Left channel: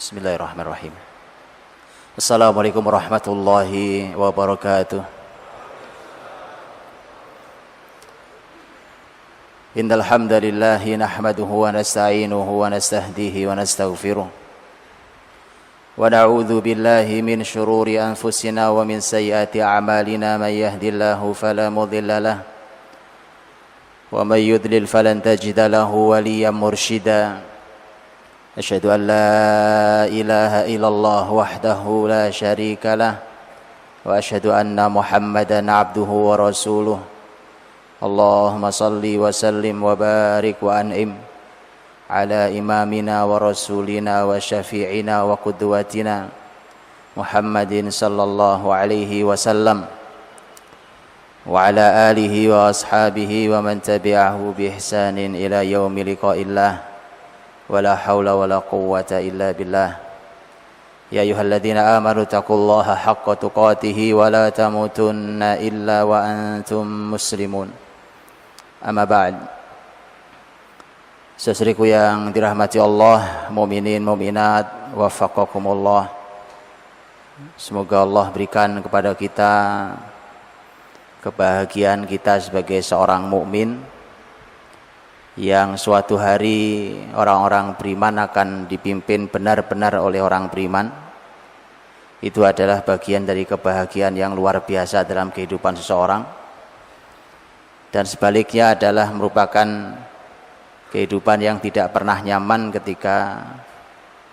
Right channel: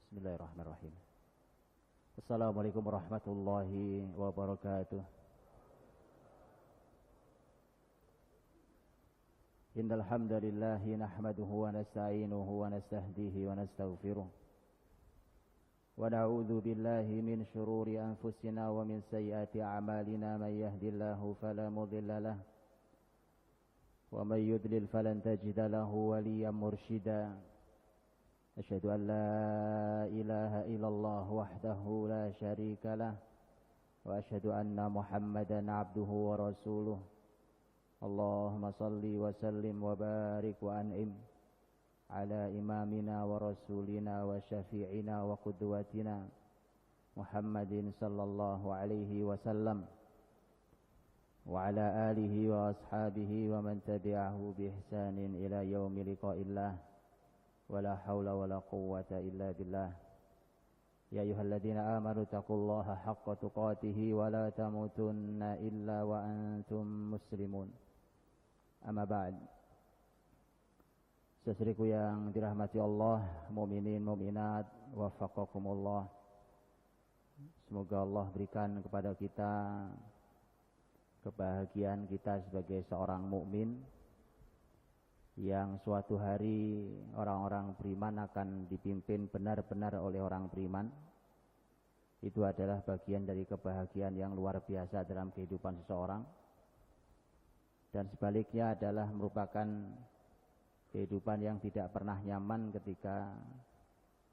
Bismillahirrahmanirrahim. Assalamualaikum warahmatullahi wabarakatuh. Innal hamdalillah nahmaduhu wa nasta'inuhu wa nastahdihi wa nastaghfiruh. Wa na'udzu billahi min shururi anfusina wa min sayyiati a'malina may yahdihillahu fala mudilla lahu wa may yudlil falan tajida lahu waliyyan mursyida. Asyhadu an la ilaha illallah wahdahu la syarika lah wa asyhadu anna Muhammadan abduhu wa rasuluh. Allahumma salli wa sallim wa barik wa an'im ala imamina wa rasulina wa syafi'ina wa qudwatina Muhammadin sallallahu alaihi wasallam wa ala alihi wa ashabihi wa man tabi'ahu bi ihsanin ila yaumi liqa'illah. ولا حول ولا قوة إلا بالله يا أيها الذين آمنوا اتقوا الله حق تقاته ولا تموتن إلا وأنتم مسلمون أما بعد. Saudaraku yang dirahmati Allah, mukminin mukminat, wafaqakumullah. Semoga Allah berikan kepada kita kebahagiaan kita sebagai seorang mukmin, yang suatu hari orang-orang beriman akan dipimpin benar-benar oleh orang beriman. Itu adalah bagian dari kebahagiaan yang luar biasa dalam kehidupan seseorang. Dan sebaliknya adalah merupakan kehidupan yang tidak pernah nyaman ketika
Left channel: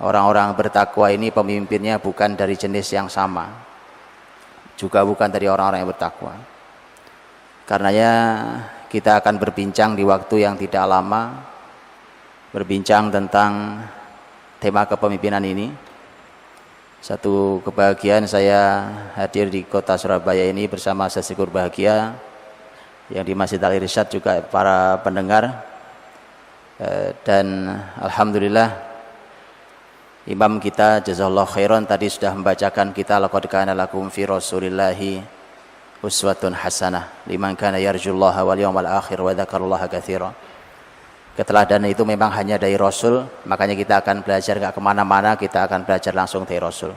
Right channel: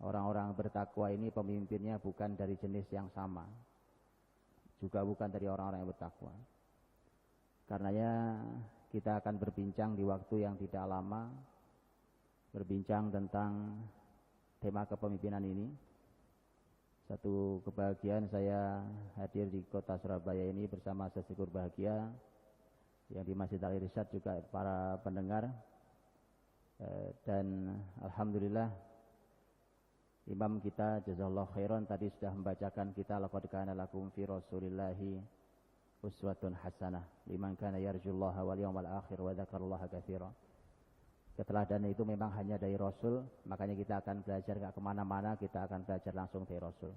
orang-orang bertakwa ini pemimpinnya bukan dari jenis yang sama, juga bukan dari orang-orang yang bertakwa. Karenanya kita akan berbincang di waktu yang tidak lama, berbincang tentang tema kepemimpinan ini. Satu kebahagiaan saya hadir di kota Surabaya ini bersama sesikur bahagia yang di Masjid Al-Irsyad, juga para pendengar. Dan alhamdulillah imam kita jazakallahu khairan tadi sudah membacakan kita laqad kana lakum fi rasulillahi uswatun hasanah liman kana yarjullaha wal yawmal akhir wa dzakarallaha katsiran. Keteladanan itu memang hanya dari Rasul, makanya kita akan belajar gak kemana-mana, kita akan belajar langsung dari Rasul.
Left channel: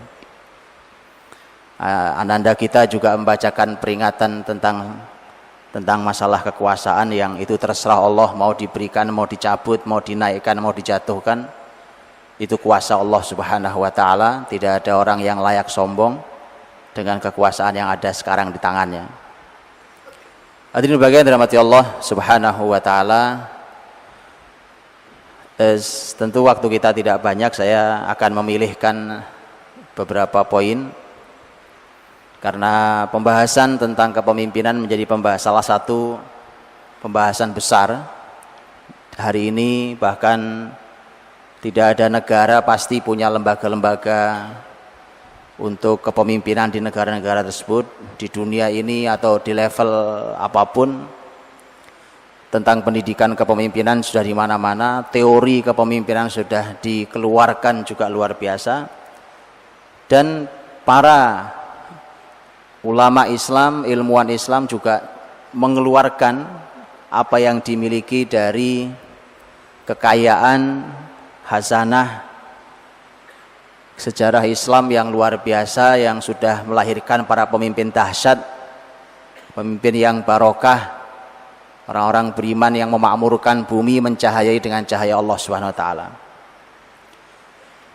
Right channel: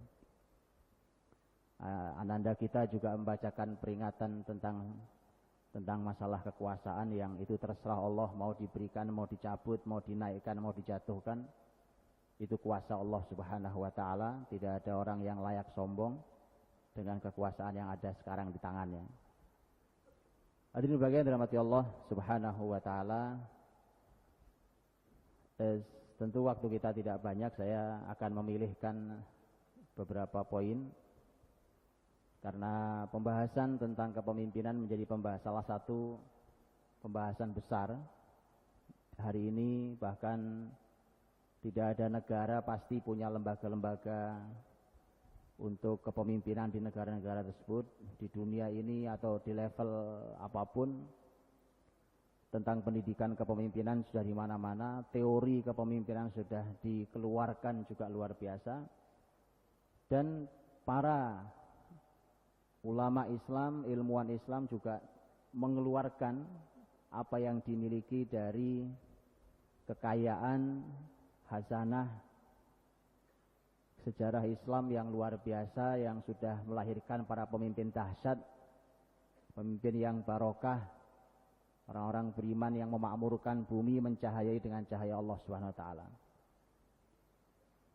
Ananda kita juga membacakan peringatan tentang masalah kekuasaan yang itu terserah Allah, mau diberikan, mau dicabut, mau dinaikkan, mau dijatuhkan. Itu kuasa Allah subhanahu wa ta'ala. Tidak ada orang yang layak sombong dengan kekuasaan yang ada sekarang di tangannya. Hadirin bagian dirahmati Allah subhanahu wa ta'ala. Tentu waktu kita tidak banyak, saya akan memilihkan beberapa poin, karena pembahasan tentang kepemimpinan menjadi salah satu pembahasan besar hari ini. Bahkan tidak ada negara pasti punya lembaga-lembaga untuk kepemimpinan di negara-negara tersebut, di dunia ini atau di level apapun. Tentang pendidikan kepemimpinan sudah di mana-mana, teori kepemimpinan sudah dikeluarkan juga luar biasa. Dan para ulama Islam, ilmuwan Islam juga mengeluarkan apa yang dimiliki dari kekayaan hazanah sejarah Islam yang luar biasa, yang sudah melahirkan para pemimpin dahsyat, pemimpin yang barokah, orang-orang beriman yang memakmurkan bumi, mencahayai dengan cahaya Allah Subhanahu wa taala.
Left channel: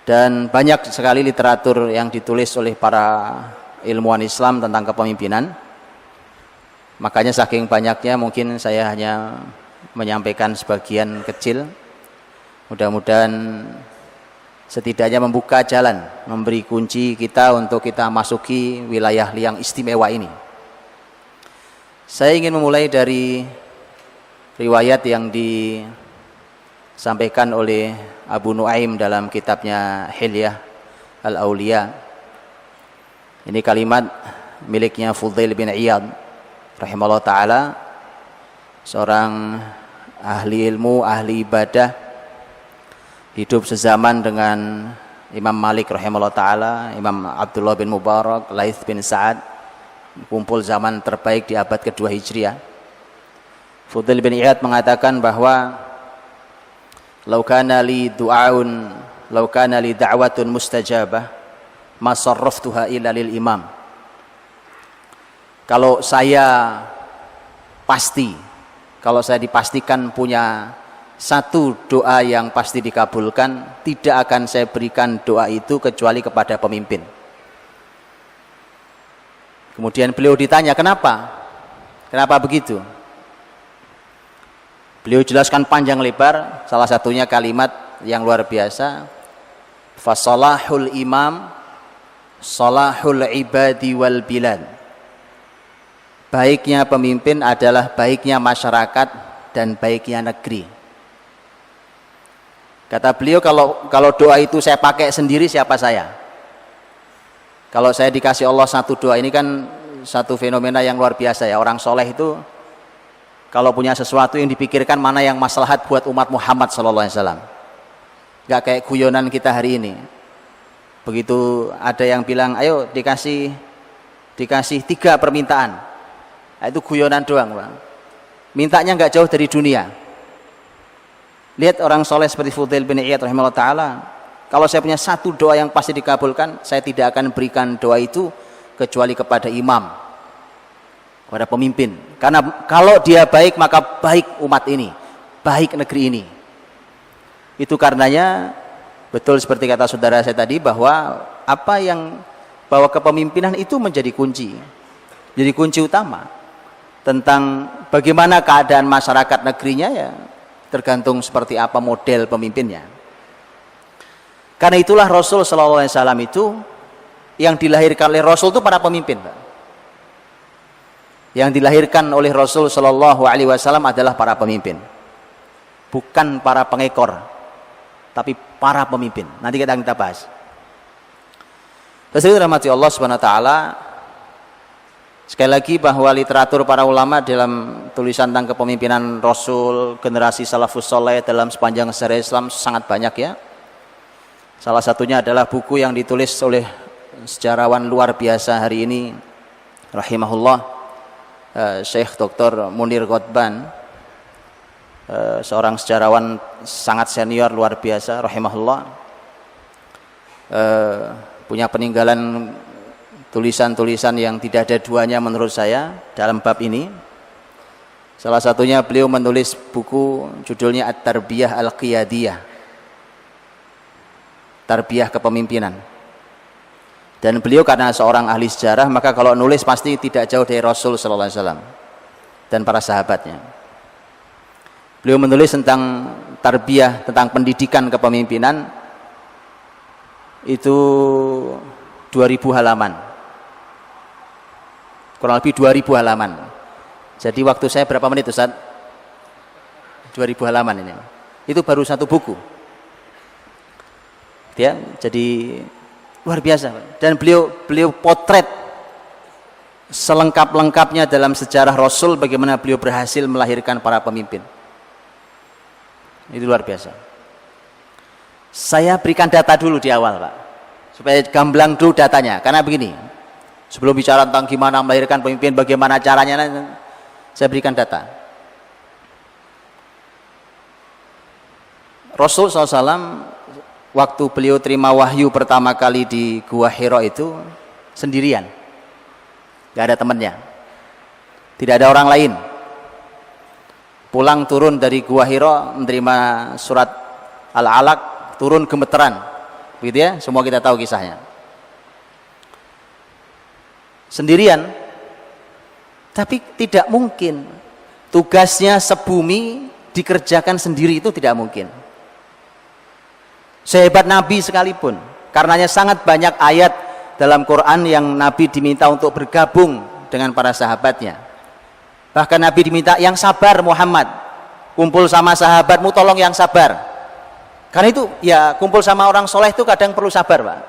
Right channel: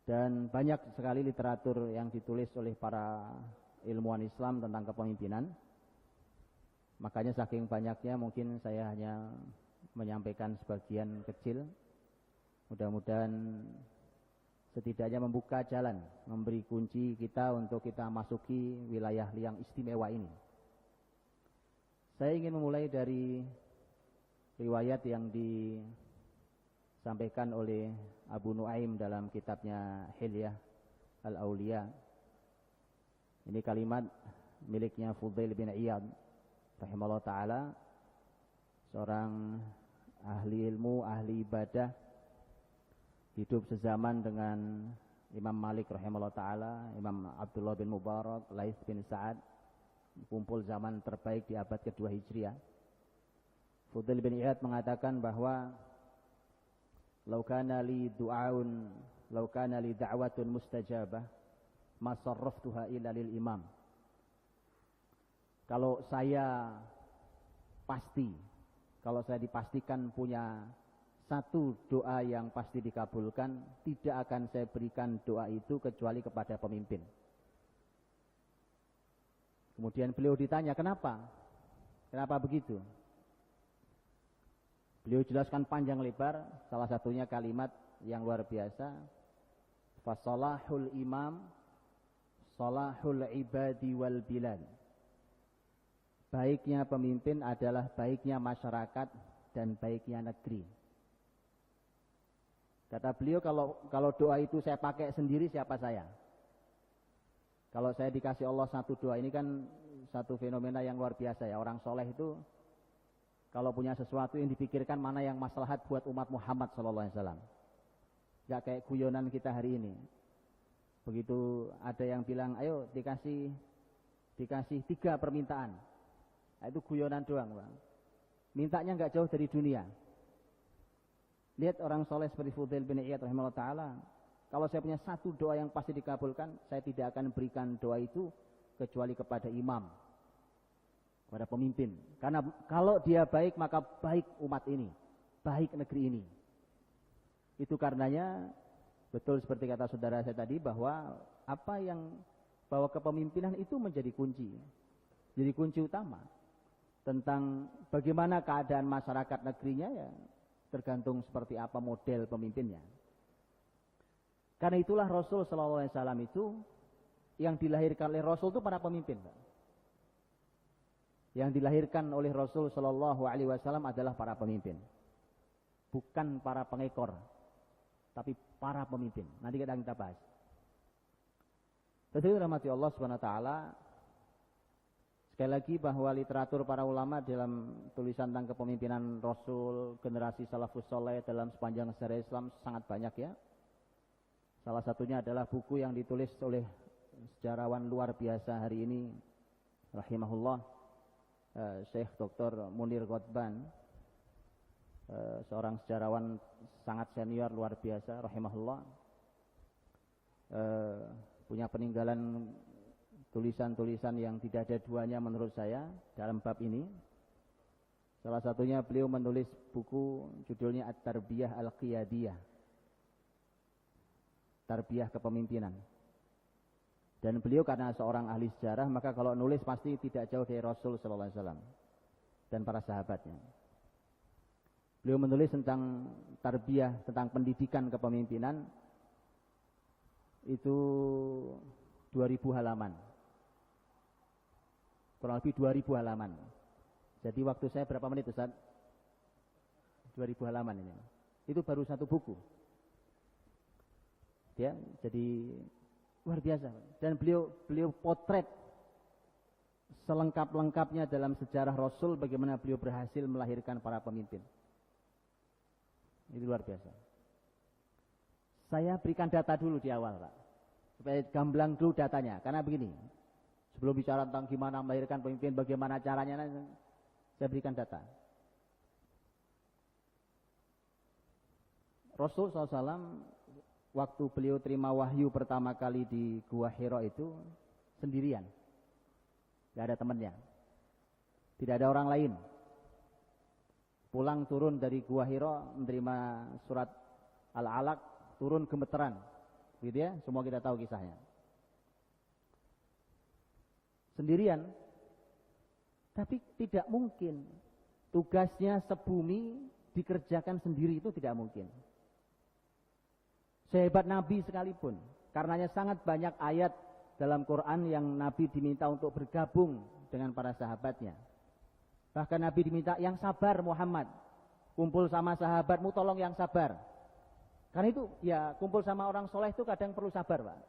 Dan banyak sekali literatur yang ditulis oleh para ilmuwan Islam tentang kepemimpinan. Makanya saking banyaknya mungkin saya hanya menyampaikan sebagian kecil. Mudah-mudahan setidaknya membuka jalan, memberi kunci kita untuk kita masuki wilayah yang istimewa ini. Saya ingin memulai dari riwayat yang disampaikan oleh Abu Nuaim dalam kitabnya Hilyah Al-Auliya. Ini kalimat miliknya Fudail bin Iyad rahimahullah ta'ala, seorang ahli ilmu, ahli ibadah, hidup sezaman dengan Imam Malik rahimahullah ta'ala, Imam Abdullah bin Mubarak, Laith bin Sa'ad, kumpul zaman terbaik di abad kedua Hijriah. Fudail bin Iyad mengatakan bahwa law kana li du'aun "Lau kana li da'watun mustajabah, ma sarraftuha illa lil imam." Kalau saya dipastikan punya satu doa yang pasti dikabulkan, tidak akan saya berikan doa itu kecuali kepada pemimpin. Kemudian beliau ditanya, kenapa? Kenapa begitu? Beliau jelaskan panjang lebar, salah satunya kalimat yang luar biasa, "Fasalahul imam salahul ibadi wal bilad." Baiknya pemimpin adalah baiknya masyarakat dan baiknya negeri. Kata beliau, kalau doa itu saya pakai sendiri, siapa saya? Kalau saya dikasih Allah satu doa, ini kan satu fenomena yang luar biasa ya. Orang soleh itu kalau punya sesuatu yang dipikirkan mana yang maslahat buat umat Muhammad SAW. Gak kayak guyonan kita hari ini. Begitu ada yang bilang, ayo dikasih 3 permintaan. Nah, itu guyonan doang, Bang. Mintanya gak jauh dari dunia. Lihat orang soleh seperti Fudail bin Iyad rahimahullah ta'ala, kalau saya punya satu doa yang pasti dikabulkan, saya tidak akan berikan doa itu kecuali kepada imam, kepada pemimpin. Karena kalau dia baik, maka baik umat ini, baik negeri ini. Itu karenanya betul seperti kata saudara saya tadi, bahwa bahwa kepemimpinan itu menjadi kunci utama tentang bagaimana keadaan masyarakat negerinya, ya tergantung seperti apa model pemimpinnya. Karena itulah Rasul SAW itu, yang dilahirkan oleh Rasul itu para pemimpin, Pak. Yang dilahirkan oleh Rasul SAW adalah para pemimpin, bukan para pengekor, tapi para pemimpin. Nanti kita bahas. Terus rahmati Allah Subhanahu wa taala. Sekali lagi bahwa literatur para ulama dalam tulisan tentang kepemimpinan Rasul, generasi salafus soleh dalam sepanjang sejarah Islam sangat banyak ya. Salah satunya adalah buku yang ditulis oleh sejarawan luar biasa hari ini, rahimahullah, Syekh Dr. Munir Ghotban, seorang sejarawan sangat senior luar biasa, rahimahullah, punya peninggalan tulisan-tulisan yang tidak ada duanya menurut saya dalam bab ini. Salah satunya beliau menulis buku judulnya At-Tarbiyah Al-Qiyadiyah, tarbiyah kepemimpinan. Dan beliau karena seorang ahli sejarah, maka kalau nulis pasti tidak jauh dari Rasul sallallahu alaihi wasallam dan para sahabatnya. Beliau menulis tentang tarbiyah, tentang pendidikan kepemimpinan, itu 2000 halaman. Kurang lebih 2000 halaman. Jadi waktu saya berapa menit Ustaz? 2000 halaman ini. Itu baru satu buku. Ya, jadi luar biasa. Dan beliau potret selengkap-lengkapnya dalam sejarah Rasul, bagaimana beliau berhasil melahirkan para pemimpin. Itu luar biasa. Saya berikan data dulu di awal, Pak, supaya gamblang dulu datanya. Karena begini, sebelum bicara tentang gimana melahirkan pemimpin, bagaimana caranya, saya berikan data. Rasul SAW waktu beliau terima wahyu pertama kali di Gua Hira itu sendirian, gak ada temannya, tidak ada orang lain. Pulang turun dari Gua Hira menerima surat Al-Alaq, turun gemeteran, begitu ya, semua kita tahu kisahnya. Sendirian, tapi tidak mungkin tugasnya sebumi dikerjakan sendiri, itu tidak mungkin. Sehebat Nabi sekalipun, karenanya sangat banyak ayat dalam Quran yang Nabi diminta untuk bergabung dengan para sahabatnya. Bahkan Nabi diminta yang sabar, Muhammad, kumpul sama sahabatmu, tolong yang sabar. Karena itu ya, kumpul sama orang soleh itu kadang perlu sabar, Pak.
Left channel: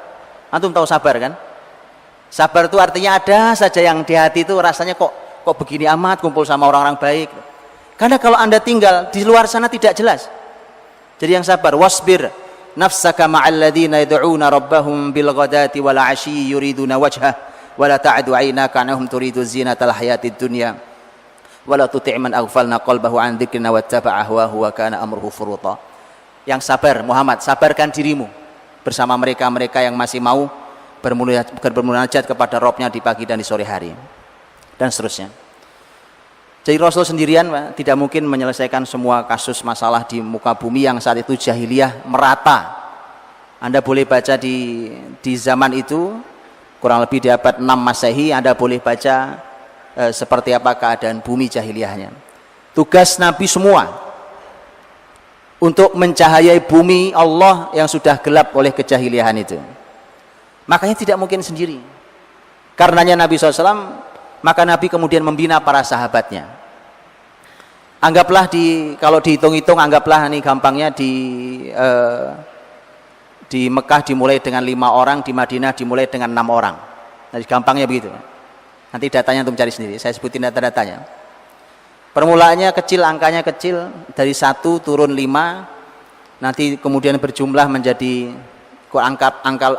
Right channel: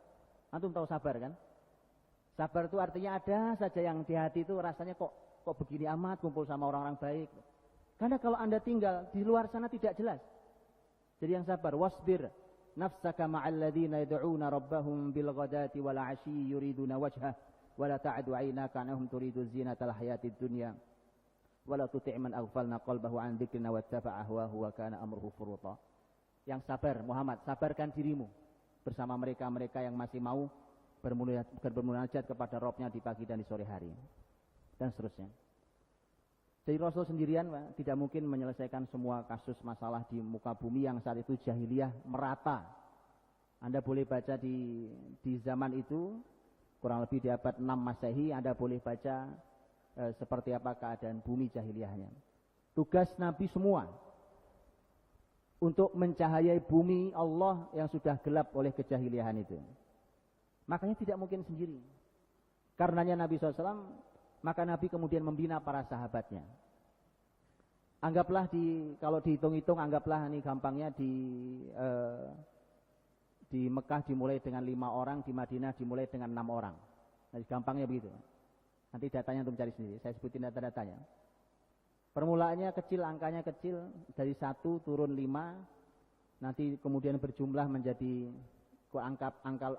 Antum tahu sabar kan? Sabar itu artinya ada saja yang di hati itu rasanya kok begini amat, kumpul sama orang-orang baik. Karena kalau Anda tinggal di luar sana tidak jelas. Jadi yang sabar, wasbir nafsaka ma'al ladzina yad'una rabbahum bil ghadati wal 'ashyi yuriduna wajhah wa la ta'du 'ainaka 'anhum turidu zinatal hayatid dunya wa la tuti' man aghfalna qalbahu 'an dzikrina wattaba'a hawahu wa kana amruhu furuta. Yang sabar, Muhammad, sabarkan dirimu. bersama mereka-mereka yang masih mau bermunajat kepada Robnya di pagi dan di sore hari, dan seterusnya. Jadi Rasul sendirian Pak, tidak mungkin menyelesaikan semua kasus masalah di muka bumi yang saat itu jahiliyah merata. Anda boleh baca di zaman itu, kurang lebih di abad 6 Masehi, Anda boleh baca seperti apa keadaan bumi jahiliyahnya. Tugas Nabi semua untuk mencahayai bumi Allah yang sudah gelap oleh kejahiliahan itu. Makanya tidak mungkin sendiri. Karenanya Nabi SAW, maka Nabi kemudian membina para sahabatnya. Anggaplah kalau dihitung-hitung, anggaplah ini gampangnya di Mekah dimulai dengan 5 orang, di Madinah dimulai dengan 6 orang. Nah, gampangnya begitu. Nanti datanya untuk mencari sendiri, saya sebutin data-datanya. Permulaannya kecil, angkanya kecil, dari 1 turun 5, nanti kemudian berjumlah menjadi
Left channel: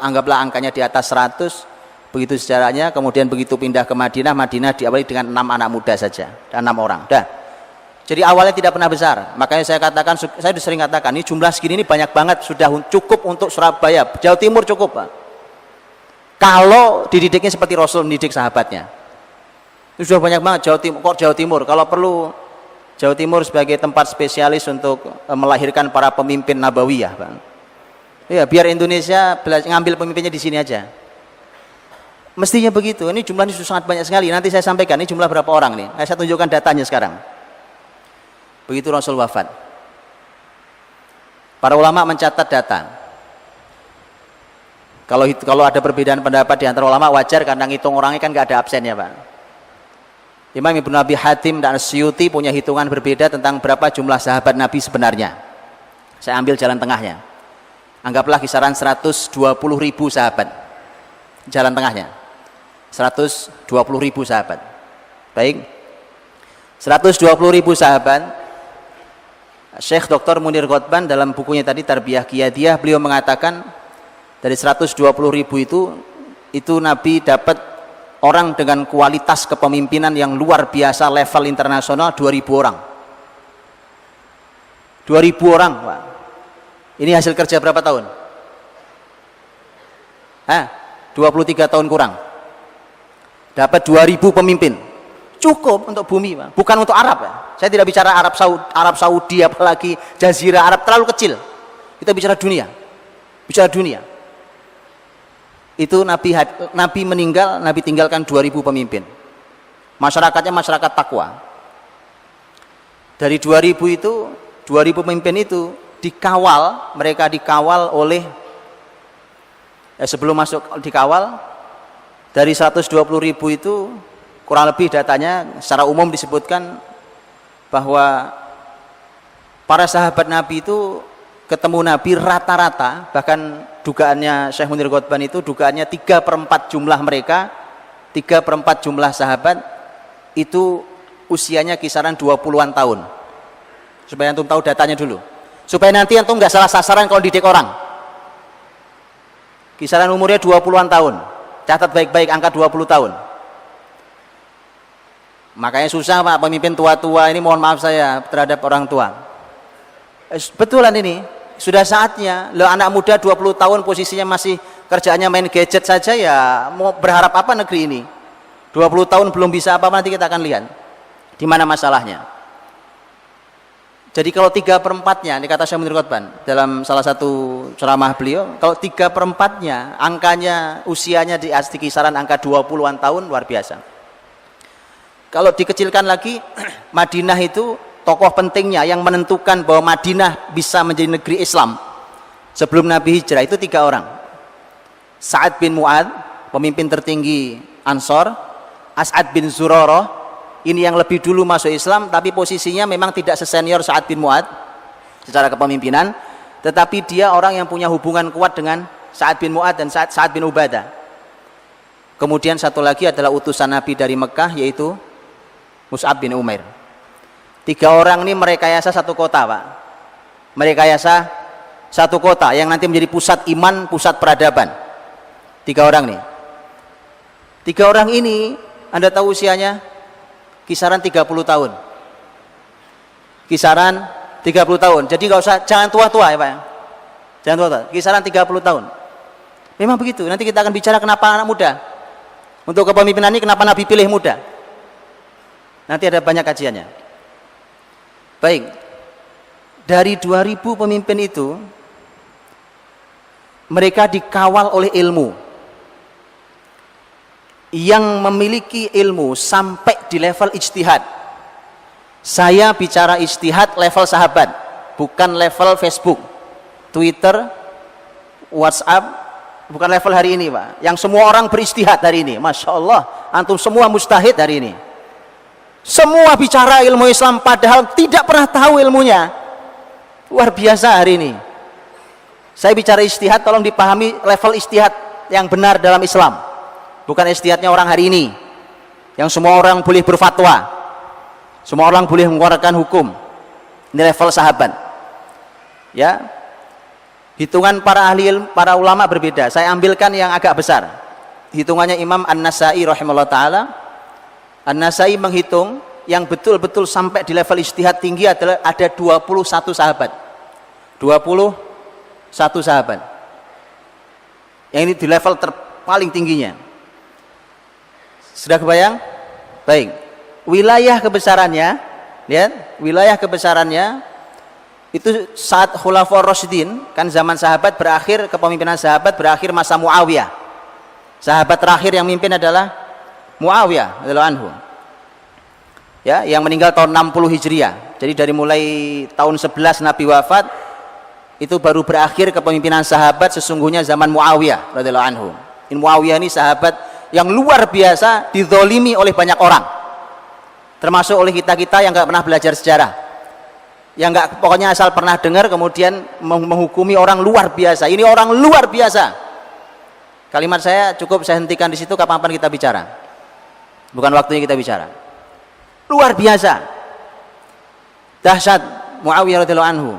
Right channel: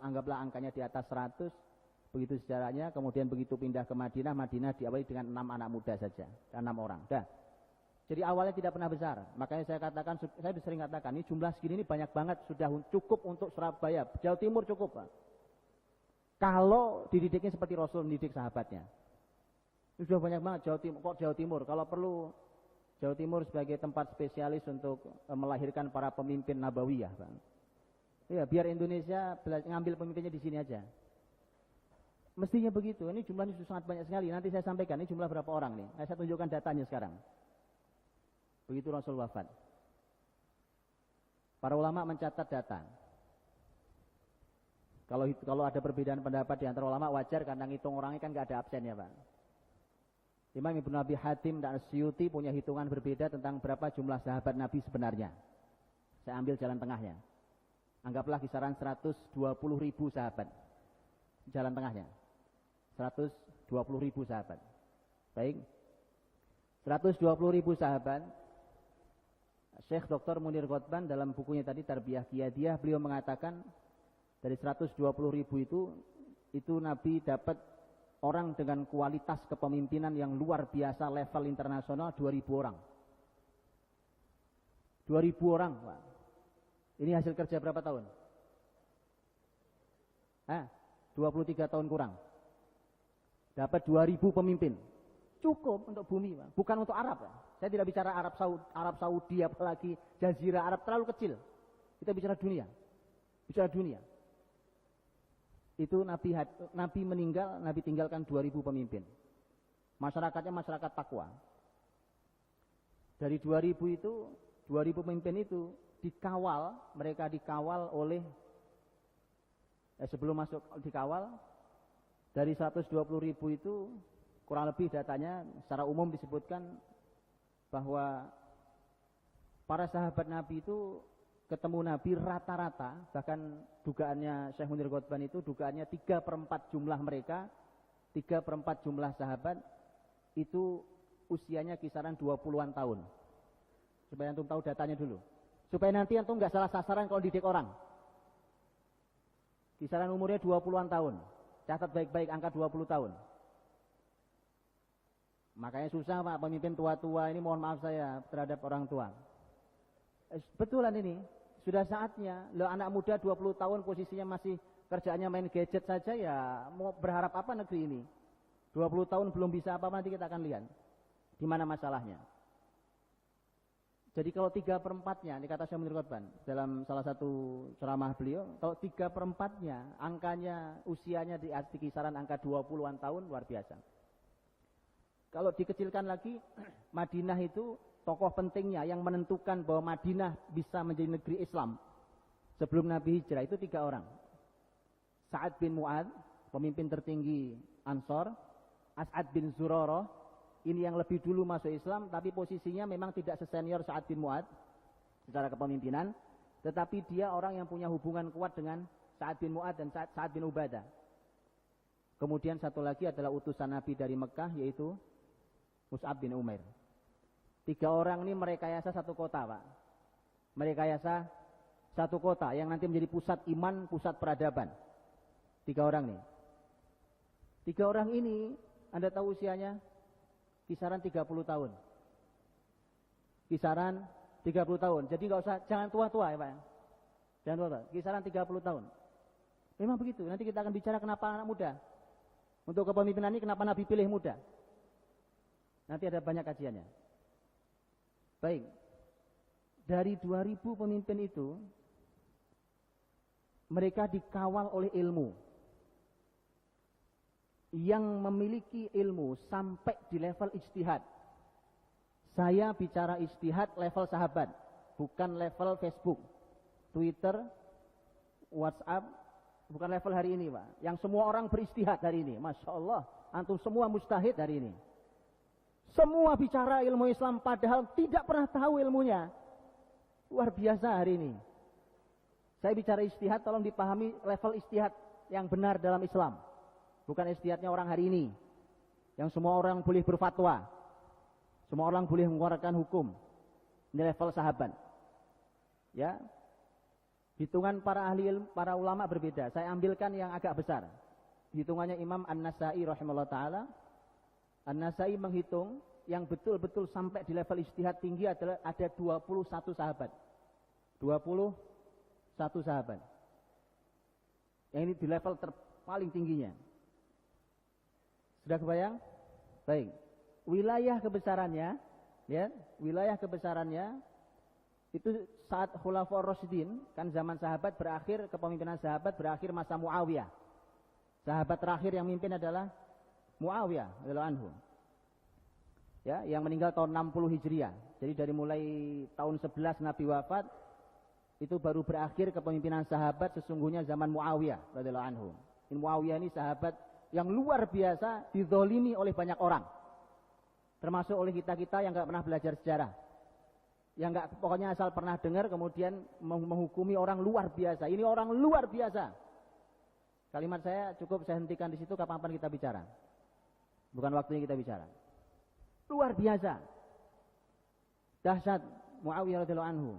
anggaplah angkanya di atas 100, begitu sejarahnya. Kemudian begitu pindah ke Madinah, Madinah diawali dengan 6 anak muda saja, dan 6 orang. Dah. Jadi awalnya tidak pernah besar. Makanya saya sering katakan, ini jumlah segini ini banyak banget, sudah cukup untuk Surabaya, Jawa Timur cukup Pak. Kalau dididiknya seperti Rasul mendidik sahabatnya. Itu sudah banyak banget. Jawa Timur, kalau perlu Jawa Timur sebagai tempat spesialis untuk melahirkan para pemimpin nabawiyah, Bang. Ya, biar Indonesia ngambil pemimpinnya di sini aja. Mestinya begitu. Ini jumlahnya sudah sangat banyak sekali. Nanti saya sampaikan ini jumlah berapa orang nih. Saya tunjukkan datanya sekarang. Begitu Rasul wafat, para ulama mencatat data. Kalau ada perbedaan pendapat di antara ulama wajar, karena ngitung orangnya kan nggak ada absennya, Pak. Imam Ibnu Abi Hatim dan Asyuti punya hitungan berbeda tentang berapa jumlah sahabat Nabi sebenarnya. Saya ambil jalan tengahnya. Anggaplah kisaran 120.000 sahabat. Jalan tengahnya 120.000 sahabat. Baik, 120.000 sahabat. Syekh Dr. Munir Ghotban dalam bukunya tadi Tarbiyah Qiyadiyah, beliau mengatakan dari 120.000 itu Nabi dapat orang dengan kualitas kepemimpinan yang luar biasa, level internasional, 2.000 orang. 2.000 orang, Pak. Ini hasil kerja berapa tahun? 23 tahun kurang. Dapat 2.000 pemimpin. Cukup untuk bumi, Pak. Bukan untuk Arab, Pak. Saya tidak bicara Arab Saudi, apalagi Jazirah Arab, terlalu kecil. Kita bicara dunia. Bicara dunia. Itu Nabi meninggal, Nabi tinggalkan 2.000 pemimpin. Masyarakatnya masyarakat takwa. Dari 2.000 itu, 2.000 pemimpin itu mereka dikawal oleh sebelum masuk dikawal, dari 120.000 itu kurang lebih datanya secara umum disebutkan bahwa para sahabat Nabi itu ketemu Nabi rata-rata, bahkan dugaannya Syekh Munir Ghotban itu dugaannya 3/4 jumlah mereka, 3/4 jumlah sahabat itu usianya kisaran 20-an tahun. Supaya antum tahu datanya dulu, supaya nanti antum nggak salah sasaran kalau didik orang. Kisaran umurnya 20-an tahun, catat baik-baik angka 20 tahun. Makanya susah Pak, pemimpin tua-tua ini, mohon maaf saya terhadap orang tua. Betulan ini, sudah saatnya. Loh, anak muda 20 tahun posisinya masih kerjaannya main gadget saja, ya mau berharap apa negeri ini? 20 tahun belum bisa apa-apa, nanti kita akan lihat di mana masalahnya. Jadi kalau 3/4-nya, ini kata Syekh Munir Ghotban dalam salah satu ceramah beliau, kalau 3/4-nya angkanya usianya di kisaran angka 20-an tahun, luar biasa. Kalau dikecilkan lagi, Madinah itu tokoh pentingnya yang menentukan bahwa Madinah bisa menjadi negeri Islam sebelum Nabi hijrah itu 3 orang. Sa'ad bin Mu'ad, pemimpin tertinggi Ansor. As'ad bin Zurarah, ini yang lebih dulu masuk Islam, tapi posisinya memang tidak sesenior Sa'ad bin Mu'ad secara kepemimpinan, tetapi dia orang yang punya hubungan kuat dengan Sa'ad bin Mu'ad dan Sa'ad bin Ubadah. Kemudian satu lagi adalah utusan Nabi dari Mekah, yaitu Mus'ab bin Umair. 3 orang ini merekayasa satu kota, Pak. Merekayasa satu kota yang nanti menjadi pusat iman, pusat peradaban. 3 orang nih. 3 orang ini, Anda tahu usianya kisaran 30 tahun. Kisaran 30 tahun. Jadi jangan tua-tua ya, Pak. Jangan tua-tua. Kisaran 30 tahun. Memang begitu. Nanti kita akan bicara kenapa anak muda. Untuk kepemimpinan ini kenapa Nabi pilih muda. Nanti ada banyak kajiannya. Baik. Dari 2000 pemimpin itu, mereka dikawal oleh ilmu. Yang memiliki ilmu sampai di level ijtihad. Saya bicara ijtihad level sahabat, bukan level Facebook, Twitter, WhatsApp, bukan level hari ini, Pak. Yang semua orang beristihad hari ini. Masya Allah, antum semua mustahid hari ini. Semua bicara ilmu Islam padahal tidak pernah tahu ilmunya. Luar biasa hari ini. Saya bicara istihad, tolong dipahami level istihad yang benar dalam Islam. Bukan istihadnya orang hari ini. Yang semua orang boleh berfatwa. Semua orang boleh mengeluarkan hukum. Ini level sahabat. Ya. Hitungan para ahli ilmu, para ulama berbeda. Saya ambilkan yang agak besar. Hitungannya Imam An-Nasai rahimahullah ta'ala. An-Nasai menghitung yang betul-betul sampai di level ijtihad tinggi adalah ada 21 sahabat. 21 sahabat. Yang ini di level paling tingginya. Sudah kebayang? Baik. Wilayah kebesarannya, lihat, wilayah kebesarannya itu saat Khulafaur Rasyidin, kan zaman sahabat berakhir, kepemimpinan sahabat berakhir masa Muawiyah. Sahabat terakhir yang mimpin adalah Muawiyah radhiyallahu anhu. Ya, yang meninggal tahun 60 Hijriah. Jadi dari mulai tahun 11 Nabi wafat itu baru berakhir kepemimpinan sahabat sesungguhnya zaman Muawiyah radhiyallahu anhu. Muawiyah ini sahabat yang luar biasa, dizolimi oleh banyak orang. Termasuk oleh kita-kita yang enggak pernah belajar sejarah. Yang enggak, pokoknya asal pernah dengar kemudian menghukumi orang luar biasa. Ini orang luar biasa. Kalimat saya cukup saya hentikan di situ, kapan-kapan kita bicara. Bukan waktunya kita bicara. Luar biasa. Dahsyat Muawiyah radhiyallahu anhu.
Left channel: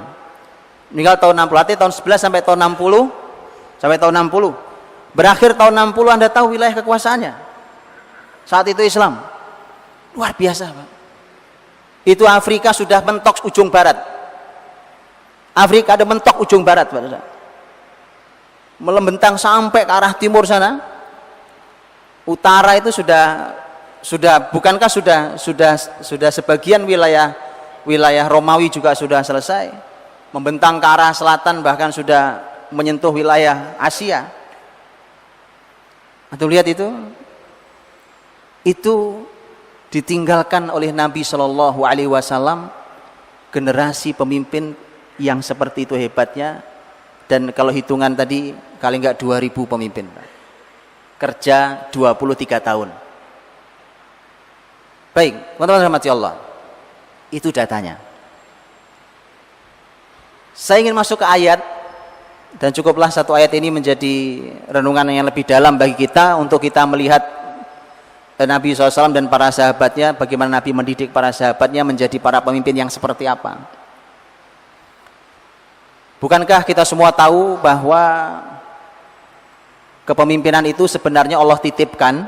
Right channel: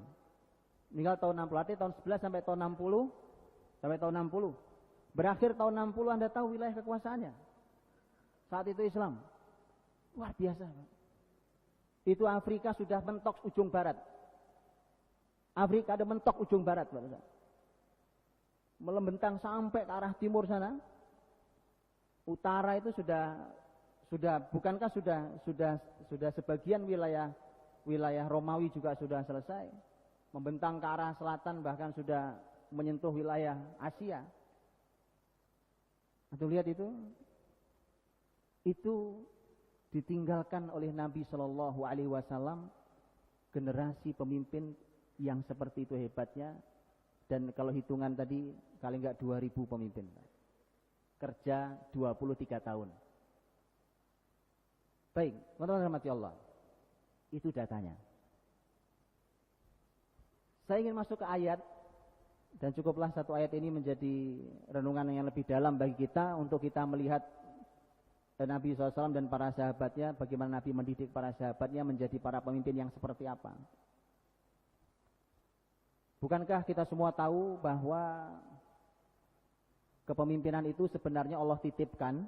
Meninggal tahun 60, artinya tahun 11 sampai tahun 60, sampai tahun 60. Berakhir tahun 60 Anda tahu wilayah kekuasaannya. Saat itu Islam. Luar biasa, Pak. Itu Afrika sudah mentok ujung barat. Afrika ada mentok ujung barat, Pak. Melembentang sampai ke arah timur sana. Utara itu sudah bukankah sudah sebagian wilayah Romawi juga sudah selesai. Membentang ke arah selatan bahkan sudah menyentuh wilayah Asia. Atau lihat itu ditinggalkan oleh Nabi Shallallahu Alaihi Wasallam generasi pemimpin yang seperti itu hebatnya. Dan kalau hitungan tadi kali enggak 2000 pemimpin, kerja 23 tahun. Baik, teman-teman rahmati Allah, itu datanya. Saya ingin masuk ke ayat, dan cukuplah satu ayat ini menjadi renungan yang lebih dalam bagi kita untuk kita melihat Nabi SAW dan para sahabatnya, bagaimana Nabi mendidik para sahabatnya menjadi para pemimpin yang seperti apa. Bukankah kita semua tahu bahwa kepemimpinan itu sebenarnya Allah titipkan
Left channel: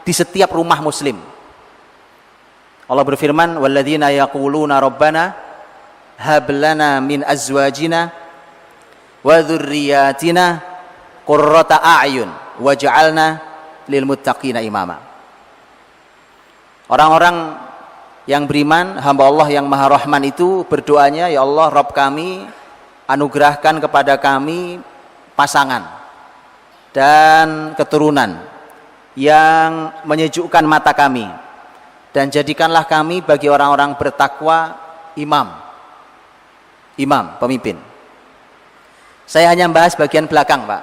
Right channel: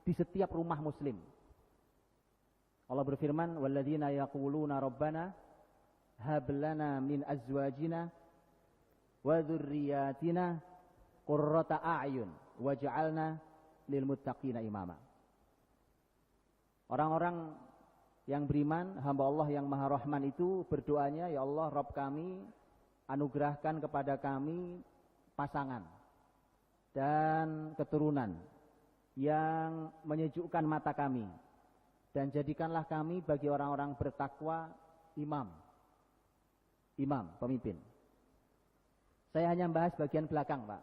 di setiap rumah muslim. Allah berfirman, walladzina yaquluna rabbana hab lana min azwajina wa dzurriyyatina qurrata a'yun waj'alna lil muttaqina imama. Orang-orang yang beriman, hamba Allah yang Maha Rahman itu berdoanya, ya Allah, Rabb kami, anugerahkan kepada kami pasangan dan keturunan yang menyejukkan mata kami, dan jadikanlah kami bagi orang-orang bertakwa imam, pemimpin. Saya hanya membahas bagian belakang, Pak.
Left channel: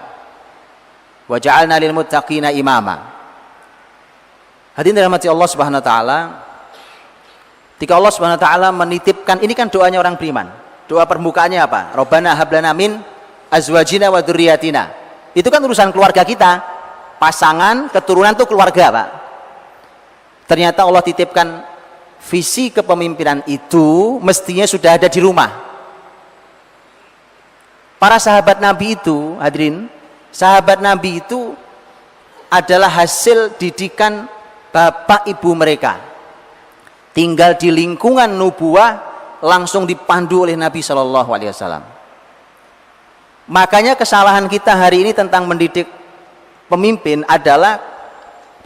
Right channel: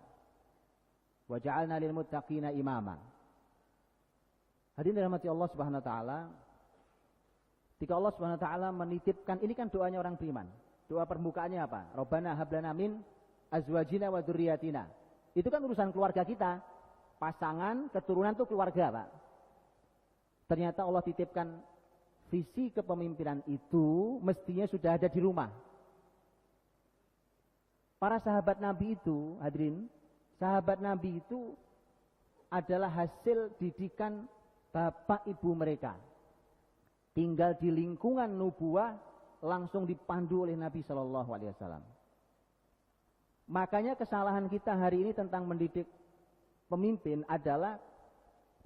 Wa ja'alna lil muttaqina imama. Hadirin dirahmati Allah Subhanahu wa taala, ketika Allah Subhanahu wa taala menitipkan, ini kan doanya orang beriman. Doa permukaannya apa? Rabbana hab lana min azwajina wa dzurriyyatina. Itu kan urusan keluarga kita. Pasangan, keturunan itu keluarga, Pak. Ternyata Allah titipkan visi kepemimpinan itu mestinya sudah ada di rumah. Para sahabat Nabi itu, hadirin, sahabat Nabi itu adalah hasil didikan bapak ibu mereka. Tinggal di lingkungan nubuah, langsung dipandu oleh Nabi Shallallahu Alaihi Wasallam. Makanya kesalahan kita hari ini tentang mendidik pemimpin adalah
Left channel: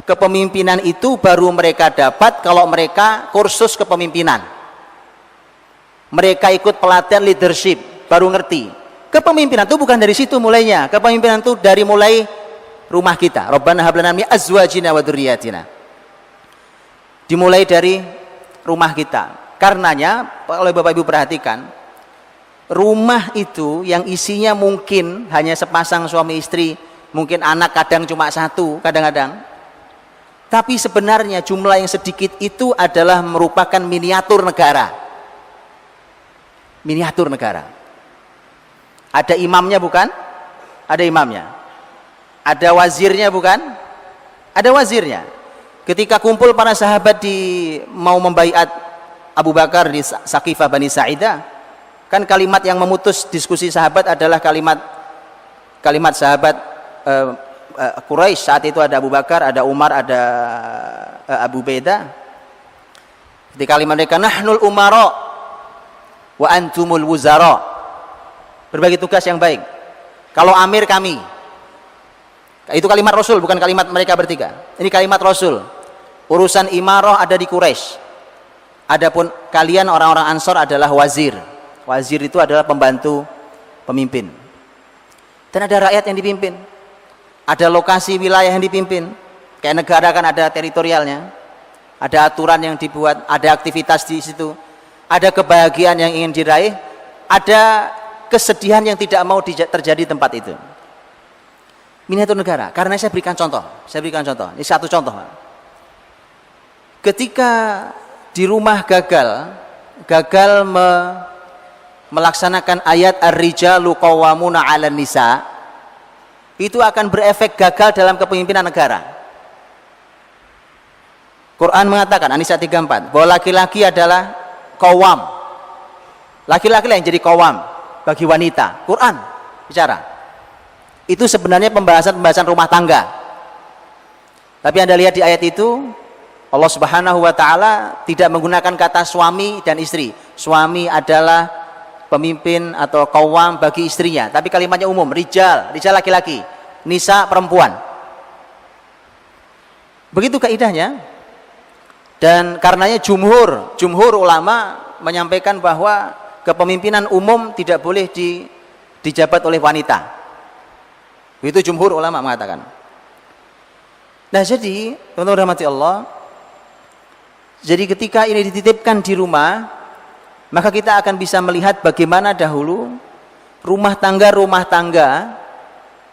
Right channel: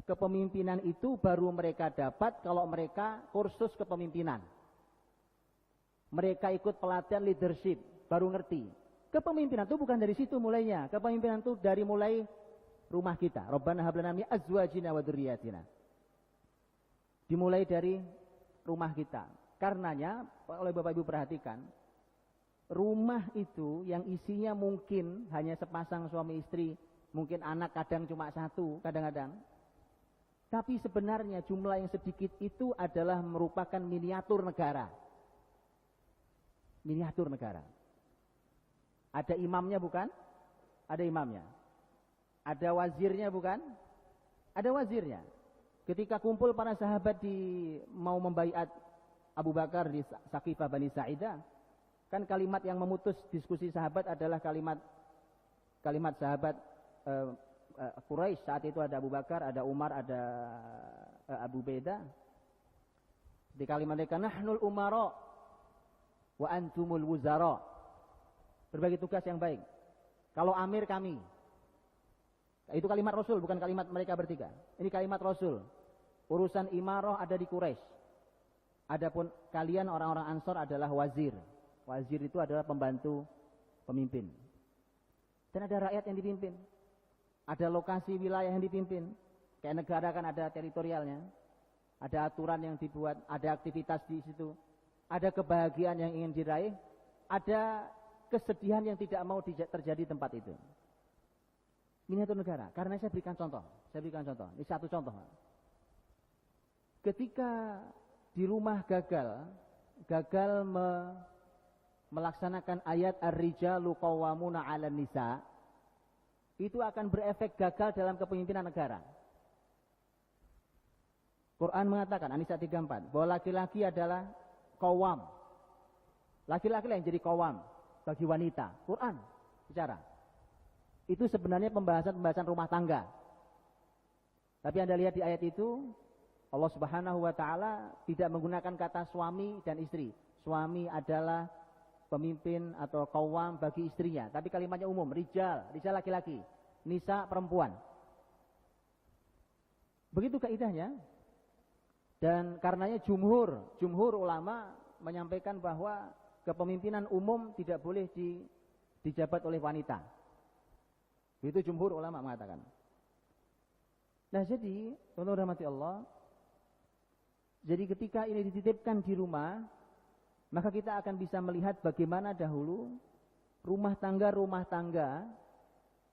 kepemimpinan itu baru mereka dapat kalau mereka kursus kepemimpinan. Mereka ikut pelatihan leadership, baru ngerti. Kepemimpinan itu bukan dari situ mulainya. Kepemimpinan itu dari mulai rumah kita. Rabbana hab lana min azwajina wa dzurriyyatina. Dimulai dari rumah kita. Karenanya, kalau Bapak Ibu perhatikan, rumah itu yang isinya mungkin hanya sepasang suami istri, mungkin anak kadang cuma satu, kadang-kadang. Tapi sebenarnya jumlah yang sedikit itu adalah merupakan miniatur negara. Miniatur negara. Ada imamnya bukan? Ada imamnya. Ada wazirnya bukan? Ada wazirnya. Ketika kumpul para sahabat mau membaiat Abu Bakar di Saqifah Bani Sa'idah, kan kalimat yang memutus diskusi sahabat adalah kalimat sahabat Quraisy. Saat itu ada Abu Bakar, ada Umar, ada Abu Beda. Di kalimat mereka, nahnul umara wa antumul wuzara. Berbagi tugas yang baik. Kalau amir kami. Itu kalimat Rasul, bukan kalimat mereka bertiga. Ini kalimat Rasul. Urusan imarah ada di Quraisy. Adapun kalian orang-orang Ansor adalah wazir. Wazir itu adalah pembantu pemimpin. Dan ada rakyat yang dipimpin. Ada lokasi wilayah yang dipimpin. Kayak negara kan ada teritorialnya. Ada aturan yang dibuat, ada aktivitas di situ. Ada kebahagiaan yang ingin diraih, ada kesedihan yang tidak mau terjadi di tempat itu. Miniatur negara. Karena saya berikan contoh. Ini satu contoh. Ketika di rumah gagal melaksanakan ayat ar-rijalu qawwamuna 'alan nisa, itu akan berefek gagal dalam kepemimpinan negara. Quran mengatakan, An-Nisa 34, bahwa laki-laki adalah qawwam. Laki-laki yang jadi qawwam bagi wanita. Quran bicara. Itu sebenarnya pembahasan rumah tangga. Tapi Anda lihat di ayat itu, Allah Subhanahu wa taala tidak menggunakan kata suami dan istri. Suami adalah pemimpin atau qawwam bagi istrinya, tapi kalimatnya umum, rijal laki-laki, nisa perempuan. Begitu kaidahnya. Dan karenanya jumhur ulama menyampaikan bahwa kepemimpinan umum tidak boleh dijabat oleh wanita. Itu jumhur ulama mengatakan. Nah, jadi teman-teman rahmati Allah, jadi ketika ini dititipkan di rumah, maka kita akan bisa melihat bagaimana dahulu rumah tangga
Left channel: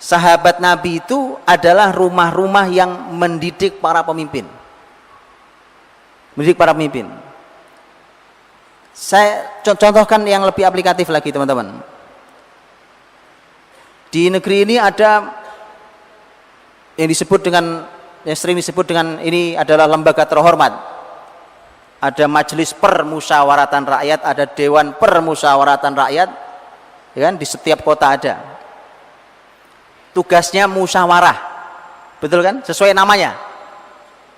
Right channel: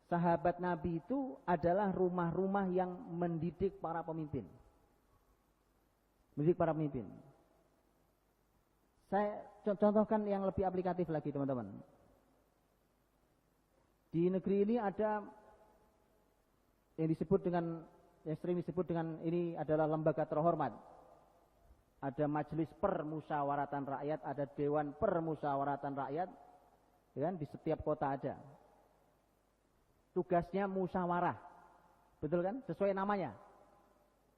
sahabat Nabi itu adalah rumah-rumah yang mendidik para pemimpin. Mendidik para pemimpin. Saya contohkan yang lebih aplikatif lagi, teman-teman. Di negeri ini ada yang sering disebut dengan ini adalah lembaga terhormat. Ada majelis permusyawaratan rakyat, ada dewan permusyawaratan rakyat, ya kan, di setiap kota ada. Tugasnya musyawarah, betul kan? Sesuai namanya.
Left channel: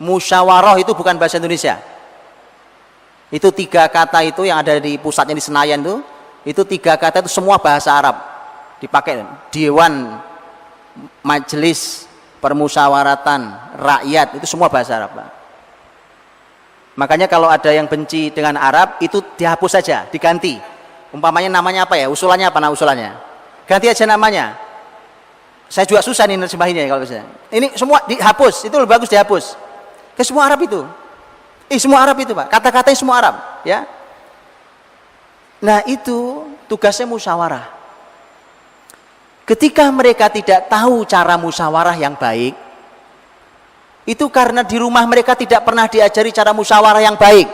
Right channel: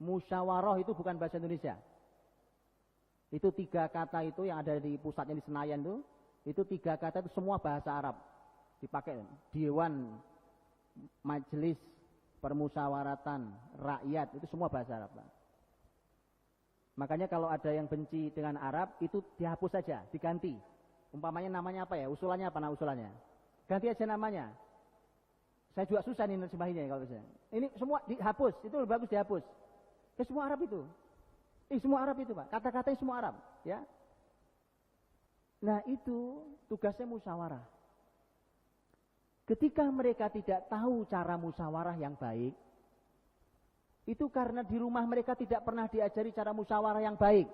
Musyawarah itu bukan bahasa Indonesia. Itu 3 kata itu yang ada di pusatnya di Senayan itu 3 kata itu semua bahasa Arab dipakai. Dewan, majelis permusyawaratan rakyat, itu semua bahasa Arab, Pak. Makanya kalau ada yang benci dengan Arab, itu dihapus saja, diganti. Umpamanya namanya apa ya? Usulannya apa? Usulannya. Ganti aja namanya. Saya juga susah nih nerjemahinnya kalau bisa. Ini semua dihapus, itu lebih bagus dihapus. Ke semua Arab itu. Semua Arab itu, Pak. Kata-katanya semua Arab, ya. Nah, itu tugasnya musyawarah. Ketika mereka tidak tahu cara musyawarah yang baik, itu karena di rumah mereka tidak pernah diajari cara musyawarah yang baik.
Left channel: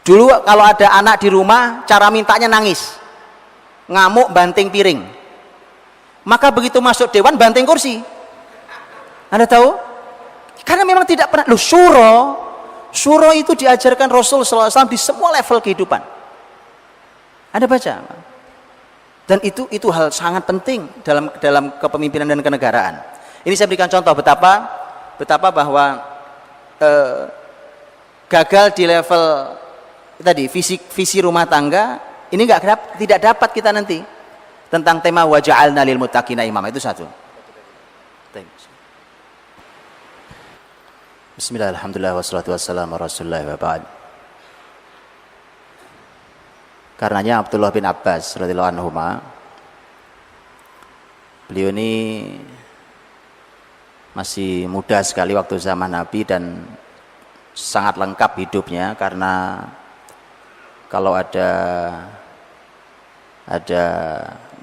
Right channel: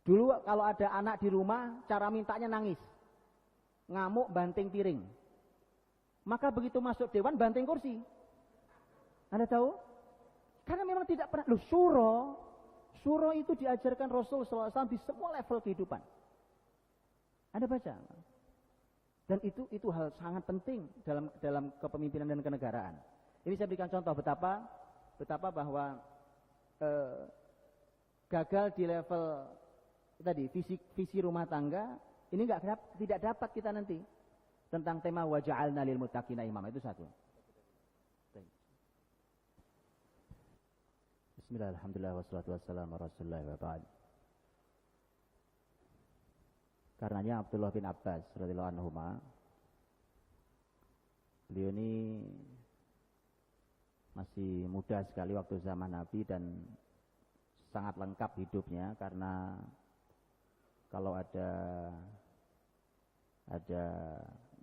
Dulu kalau ada anak di rumah, cara mintanya nangis, ngamuk, banting piring. Maka begitu masuk dewan, banting kursi. Anda tahu? Karena memang tidak pernah. Syuro itu diajarkan Rasul SAW di semua level kehidupan. Anda baca. Dan itu hal sangat penting dalam kepemimpinan dan kenegaraan. Ini saya berikan contoh betapa bahwa gagal di level tadi visi rumah tangga ini tidak dapat kita nanti. tentang tema wa ja'alna lil muttaqina imama. Itu satu. Bismillah, alhamdulillah, wassalatu wassalamu ala rasulillah wa ba'd. Karenanya Abdullah bin Abbas radhiyallahu anhuma, beliau ini masih muda sekali waktu zaman Nabi dan sangat lengkap hidupnya, karena kalau ada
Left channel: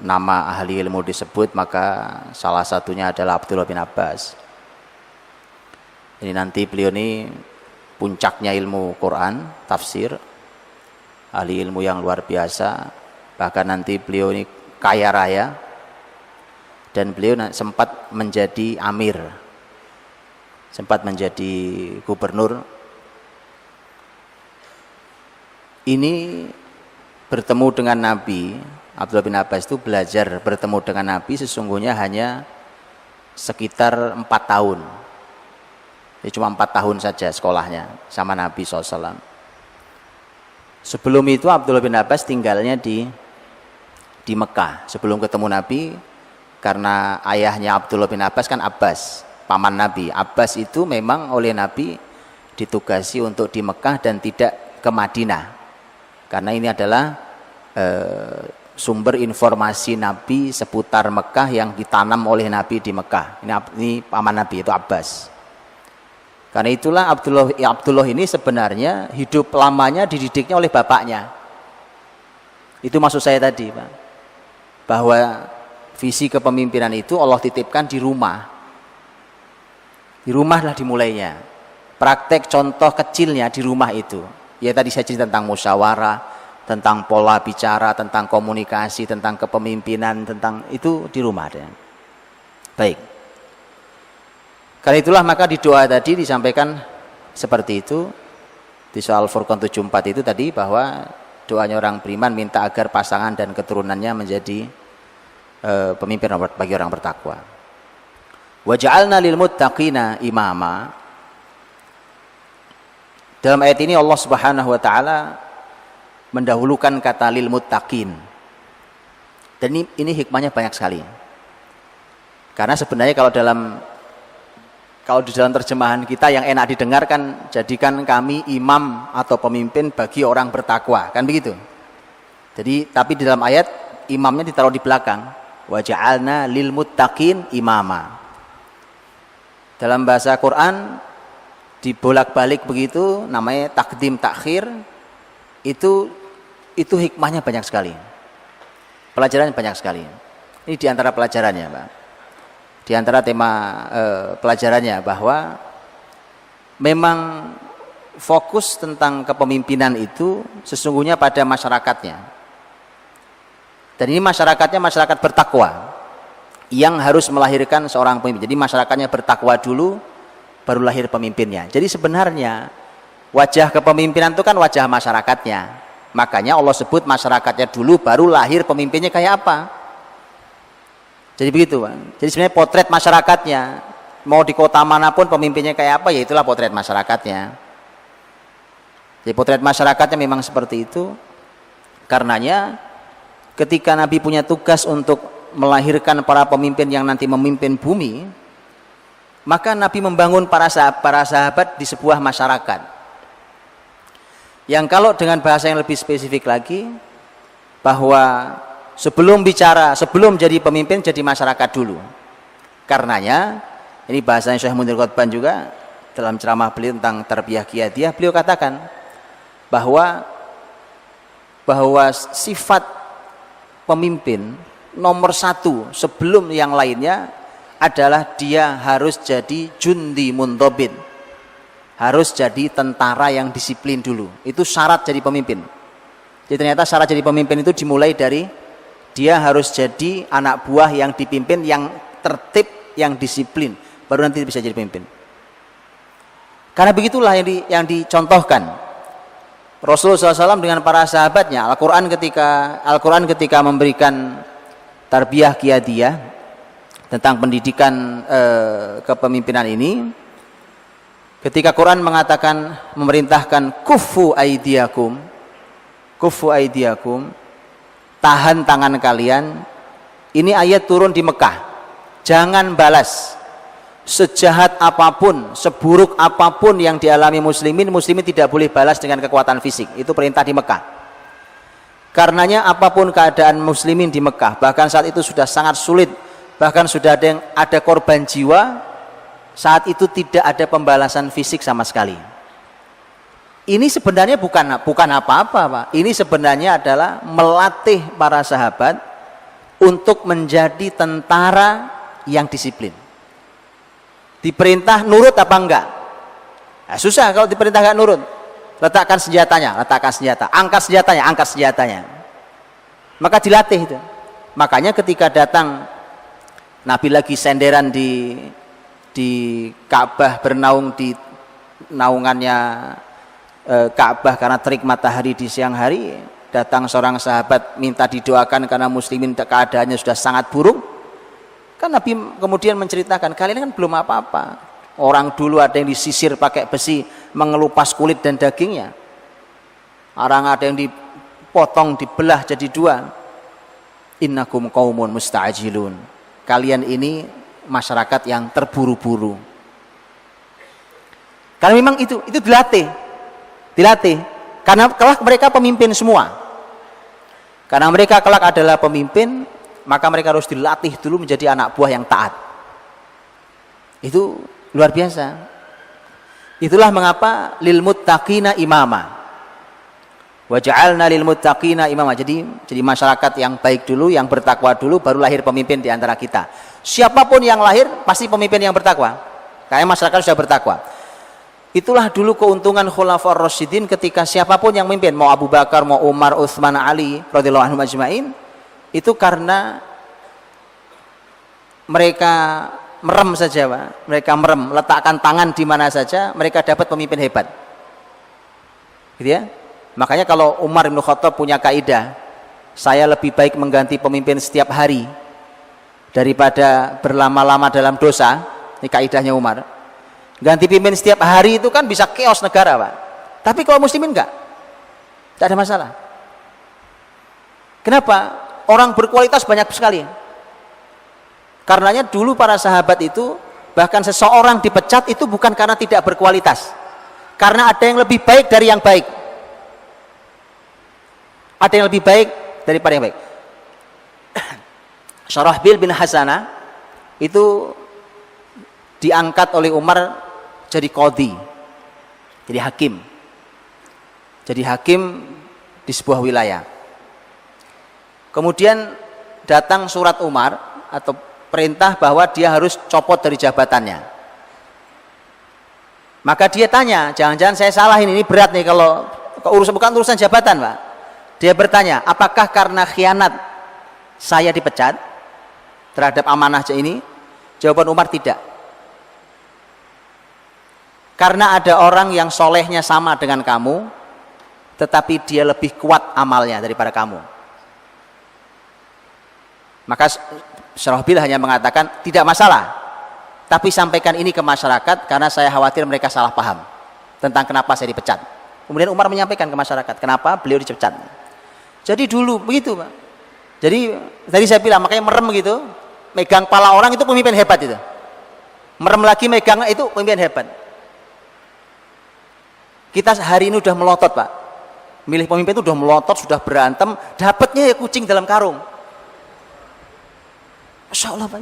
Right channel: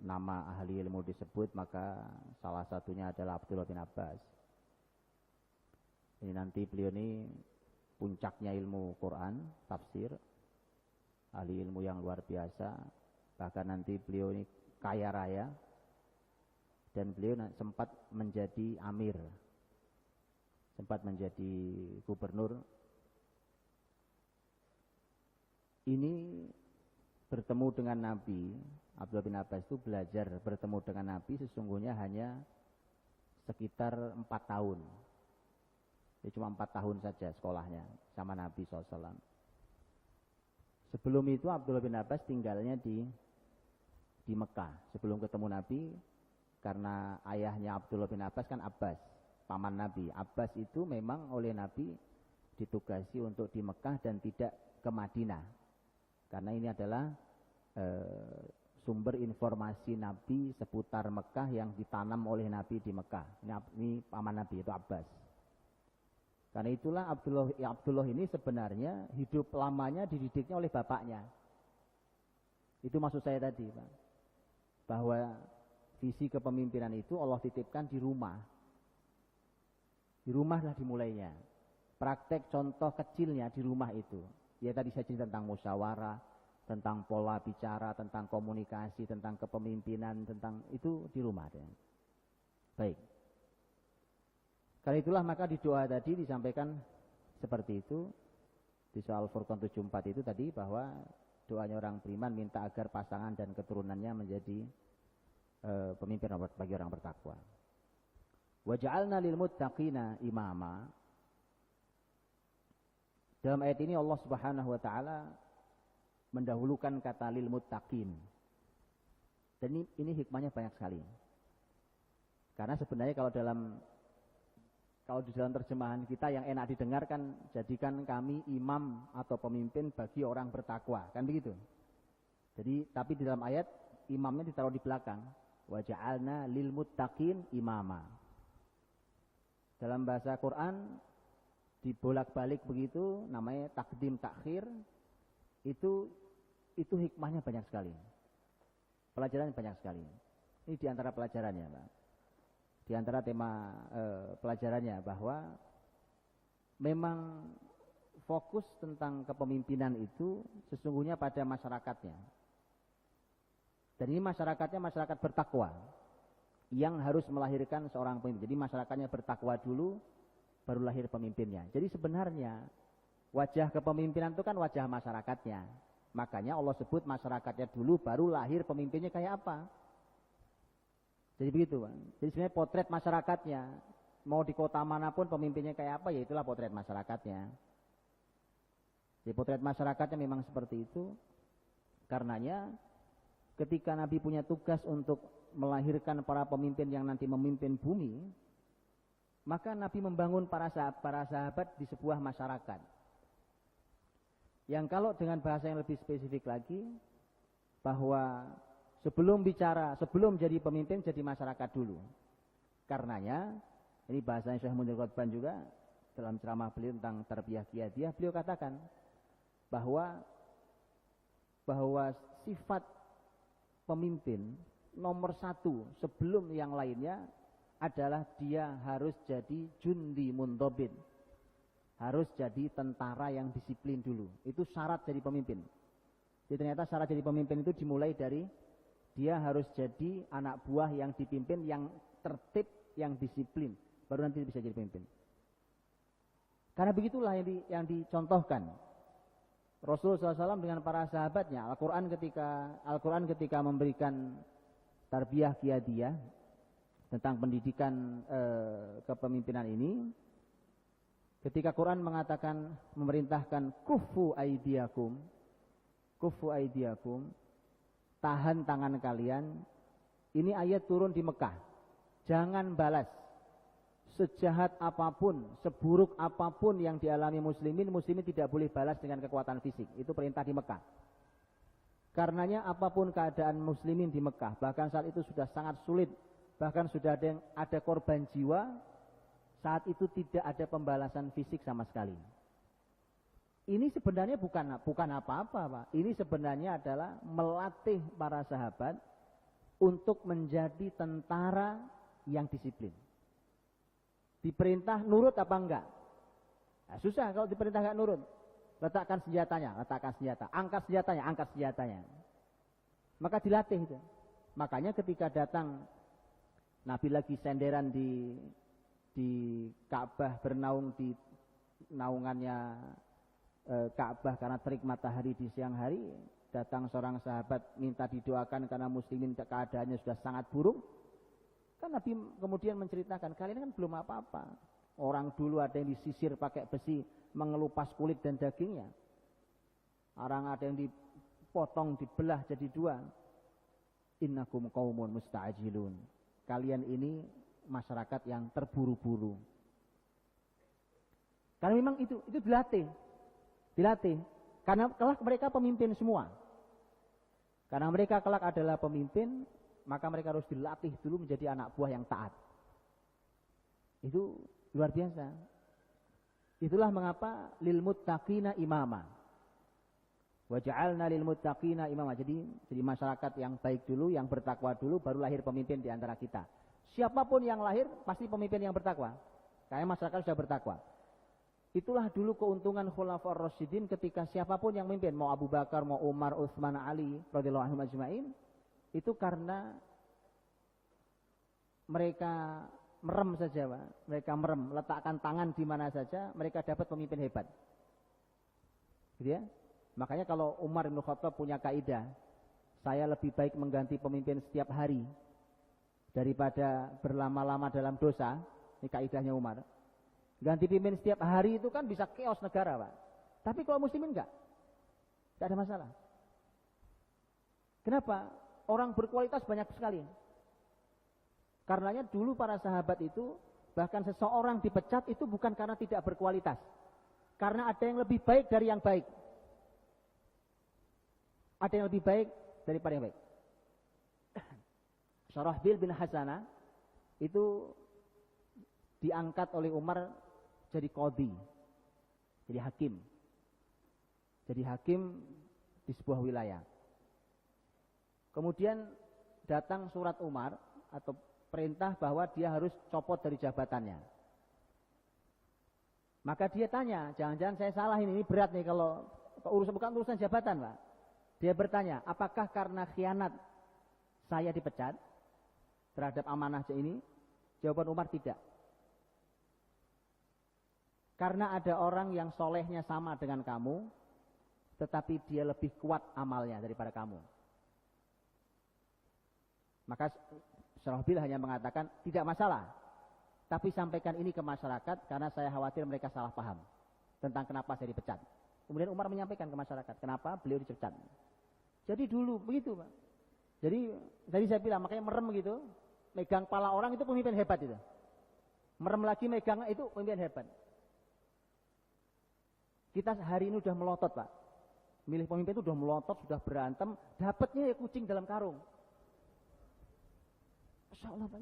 nama ahli ilmu disebut maka salah satunya adalah Abdullah bin Abbas. Ini nanti beliau ini puncaknya ilmu Quran, tafsir, ahli ilmu yang luar biasa. Bahkan nanti beliau ini kaya raya, dan beliau sempat menjadi amir, sempat menjadi gubernur. Ini bertemu dengan Nabi, Abdullah bin Abbas itu belajar bertemu dengan Nabi sesungguhnya hanya sekitar 4 tahun. Jadi cuma 4 tahun saja sekolahnya sama Nabi SAW. Sebelum itu Abdullah bin Abbas tinggalnya di Mekah sebelum ketemu Nabi, karena ayahnya Abdullah bin Abbas kan Abbas, paman Nabi. Abbas itu memang oleh Nabi ditugasi untuk di Mekah dan tidak ke Madinah, karena ini adalah sumber informasi Nabi seputar Mekah yang ditanam oleh Nabi di Mekah. Ini paman Nabi, itu Abbas. Karena itulah Abdullah ini sebenarnya hidup lamanya dididiknya oleh bapaknya. Itu maksud saya tadi, Pak, bahwa visi kepemimpinan itu Allah titipkan di rumah. Di rumahlah dimulainya. Praktek contoh kecilnya di rumah itu. Ya tadi saya cerita tentang musyawarah, tentang pola bicara, tentang komunikasi, tentang kepemimpinan, tentang itu di rumah. Baik. Karena itulah maka di doa tadi disampaikan seperti itu. Di soal Furqan 74 itu tadi, bahwa doanya orang beriman minta agar pasangan dan keturunannya menjadi pemimpin bagi orang bertakwa. Wa ja'alna lil muttaqina imama. Dalam ayat ini Allah Subhanahu wa taala mendahulukan kata lil muttaqin. Dan ini hikmahnya banyak sekali. Karena sebenarnya kalau di dalam terjemahan kita yang enak didengarkan, jadikan kami imam atau pemimpin bagi orang bertakwa, kan begitu. Jadi tapi di dalam ayat imamnya ditaruh di belakang, wa ja'alna lil muttaqin imama. Dalam bahasa Quran dibolak-balik begitu, namanya takdim takhir. Itu hikmahnya banyak sekali, pelajarannya banyak sekali. Ini diantara pelajarannya, Pak. Di antara tema pelajarannya bahwa memang fokus tentang kepemimpinan itu sesungguhnya pada masyarakatnya. Dan ini masyarakatnya masyarakat bertakwa yang harus melahirkan seorang pemimpin. Jadi masyarakatnya bertakwa dulu, baru lahir pemimpinnya. Jadi sebenarnya wajah kepemimpinan itu kan wajah masyarakatnya. Makanya Allah sebut masyarakatnya dulu, baru lahir pemimpinnya kayak apa. Jadi begitu, Pak. Jadi sebenarnya potret masyarakatnya, mau di kota manapun pemimpinnya kayak apa, ya itulah potret masyarakatnya. Jadi potret masyarakatnya memang seperti itu. Karenanya ketika Nabi punya tugas untuk melahirkan para pemimpin yang nanti memimpin bumi, maka Nabi membangun para sahabat di sebuah masyarakat. Yang kalau dengan bahasa yang lebih spesifik lagi, bahwa sebelum jadi pemimpin, jadi masyarakat dulu. Karenanya, ini bahasanya Syekh Munir Qutban juga dalam ceramah beliau tentang tarbiyah qiyadiyah, beliau katakan bahwa sifat pemimpin nomor 1 sebelum yang lainnya adalah dia harus jadi jundi muntobin, harus jadi tentara yang disiplin dulu. Itu syarat jadi pemimpin. Jadi ternyata syarat jadi pemimpin itu dimulai dari dia harus jadi anak buah yang dipimpin, yang tertib, yang disiplin, baru nanti bisa jadi pemimpin. Karena begitulah yang dicontohkan Rasulullah SAW dengan para sahabatnya. Al-Quran ketika memberikan tarbiyah qiyadiyah tentang pendidikan kepemimpinan ini, ketika Quran mengatakan, memerintahkan kuffu aidiakum, tahan tangan kalian, Ini ayat turun di Mekah. Jangan balas. Sejahat apapun, seburuk apapun yang dialami muslimin tidak boleh balas dengan kekuatan fisik. Itu perintah di Mekah. Karenanya apapun keadaan muslimin di Mekah, bahkan saat itu sudah sangat sulit, bahkan sudah ada korban jiwa, saat itu tidak ada pembalasan fisik sama sekali. Ini sebenarnya bukan apa-apa, Pak. Ini sebenarnya adalah melatih para sahabat untuk menjadi tentara yang disiplin. Diperintah nurut apa enggak? Nah, susah kalau diperintah enggak nurut. Letakkan senjatanya, angkat senjatanya. Maka dilatih itu. Makanya ketika datang Nabi lagi senderan di Ka'bah, bernaung di naungannya Ka'bah karena terik matahari di siang hari, datang seorang sahabat minta didoakan karena muslimin keadaannya sudah sangat buruk. Kan Nabi kemudian menceritakan, kalian kan belum apa-apa. Orang dulu ada yang disisir pakai besi, mengelupas kulit dan dagingnya. Orang ada yang dipotong, dibelah jadi dua. Innakum qaumun musta'jilun. Kalian ini masyarakat yang terburu-buru. Karena memang itu dilatih. Karena kelak mereka pemimpin semua. Karena mereka kelak adalah pemimpin, maka mereka harus dilatih dulu menjadi anak buah yang taat. Itu luar biasa. Itulah mengapa lil muttaqina imama. Wa ja'alna lil muttaqina imama. Jadi masyarakat yang baik dulu, yang bertakwa dulu, baru lahir pemimpin di antara kita. Siapapun yang lahir pasti pemimpin yang bertakwa. Karena masyarakat sudah bertakwa. Itulah dulu keuntungan Khulafaur Rasyidin ketika siapapun yang memimpin, mau Abu Bakar, mau Umar, Utsman, Ali radhiyallahu anhum ajmain, itu karena mereka merem saja, Pak. Mereka merem, letakkan tangan di mana saja, mereka dapat pemimpin hebat. Gitu ya? Makanya kalau Umar bin Khattab punya kaidah, saya lebih baik mengganti pemimpin setiap hari daripada berlama-lama dalam dosa. Ini kaidahnya Umar. Ganti pimpin setiap hari itu kan bisa chaos negara, Pak. Tapi kalau muslimin enggak ada masalah. Kenapa? Orang berkualitas banyak sekali. Karenanya dulu para sahabat itu, bahkan seseorang dipecat itu bukan karena tidak berkualitas, karena ada yang lebih baik dari yang baik. Ada yang lebih baik daripada yang baik. Syarahbil bin Hasanah itu diangkat oleh Umar jadi qadhi, jadi hakim di sebuah wilayah. Kemudian datang surat Umar atau perintah bahwa dia harus copot dari jabatannya. Maka dia tanya, jangan-jangan saya salah ini berat nih kalau bukan urusan jabatan, Pak. Dia bertanya, apakah karena khianat saya dipecat terhadap amanah ini? Jawaban Umar tidak. Karena ada orang yang solehnya sama dengan kamu, tetapi dia lebih kuat amalnya daripada kamu. Maka Syarahbil hanya mengatakan, tidak masalah, tapi sampaikan ini ke masyarakat karena saya khawatir mereka salah paham tentang kenapa saya dipecat. Kemudian Umar menyampaikan ke masyarakat kenapa beliau dipecat. Jadi dulu begitu, Pak. Jadi tadi saya bilang, makanya merem gitu, megang pala orang itu pemimpin hebat itu. Merem lagi megang itu pemimpin hebat. Kita hari ini udah melotot, Pak. Milih pemimpin itu udah melotot, sudah berantem, dapatnya ya kucing dalam karung. Masya Allah, Pak.